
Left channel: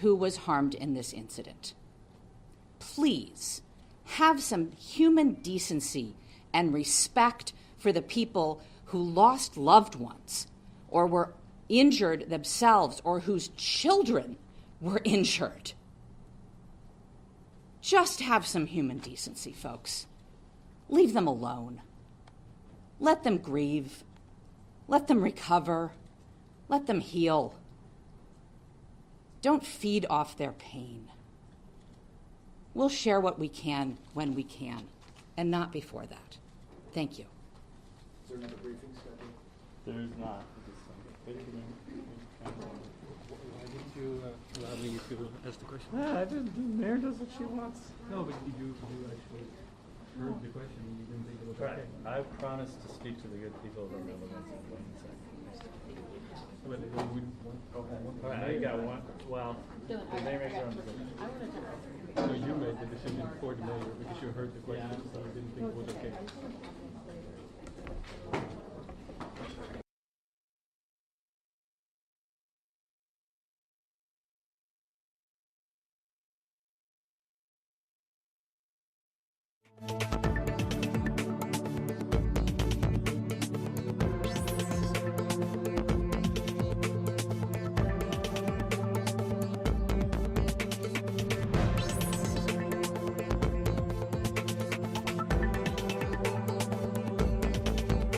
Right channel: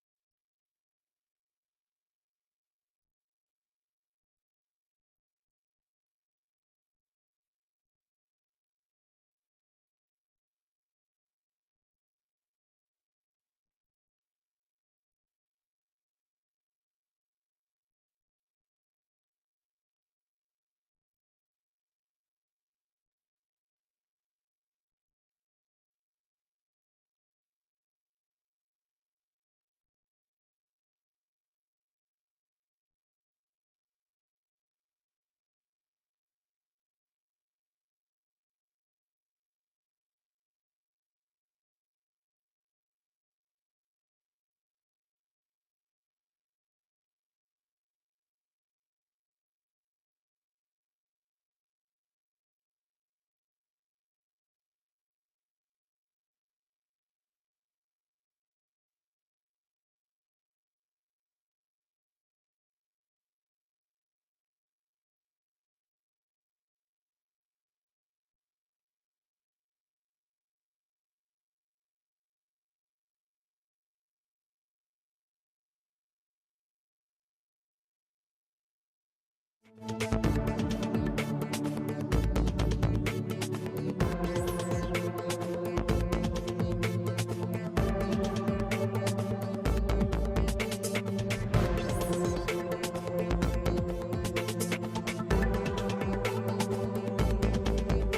who was harmed in this incident. Please have some human decency and respect for the people who lost loved ones or were injured themselves or whose children were injured. Just have some human decency, folks. Leave them alone. Let them grieve. Let them recover. Let them heal. Don't feed off their pain. We'll share what we can when we can, and not before that. Thank you. Is there another briefing scheduled? There's not. Why didn't you allow me to ask the question? I didn't. The mayor does what she wants. No, but you actually heard the question and you didn't think it was Right. okay. I promised to speak to the good people of the Netherlands in 1 second. Well, we want, All right, I got one. Well, the mayor makes her own decision. so you made the decision for the mayor because you heard the question, so you didn't think it was okay.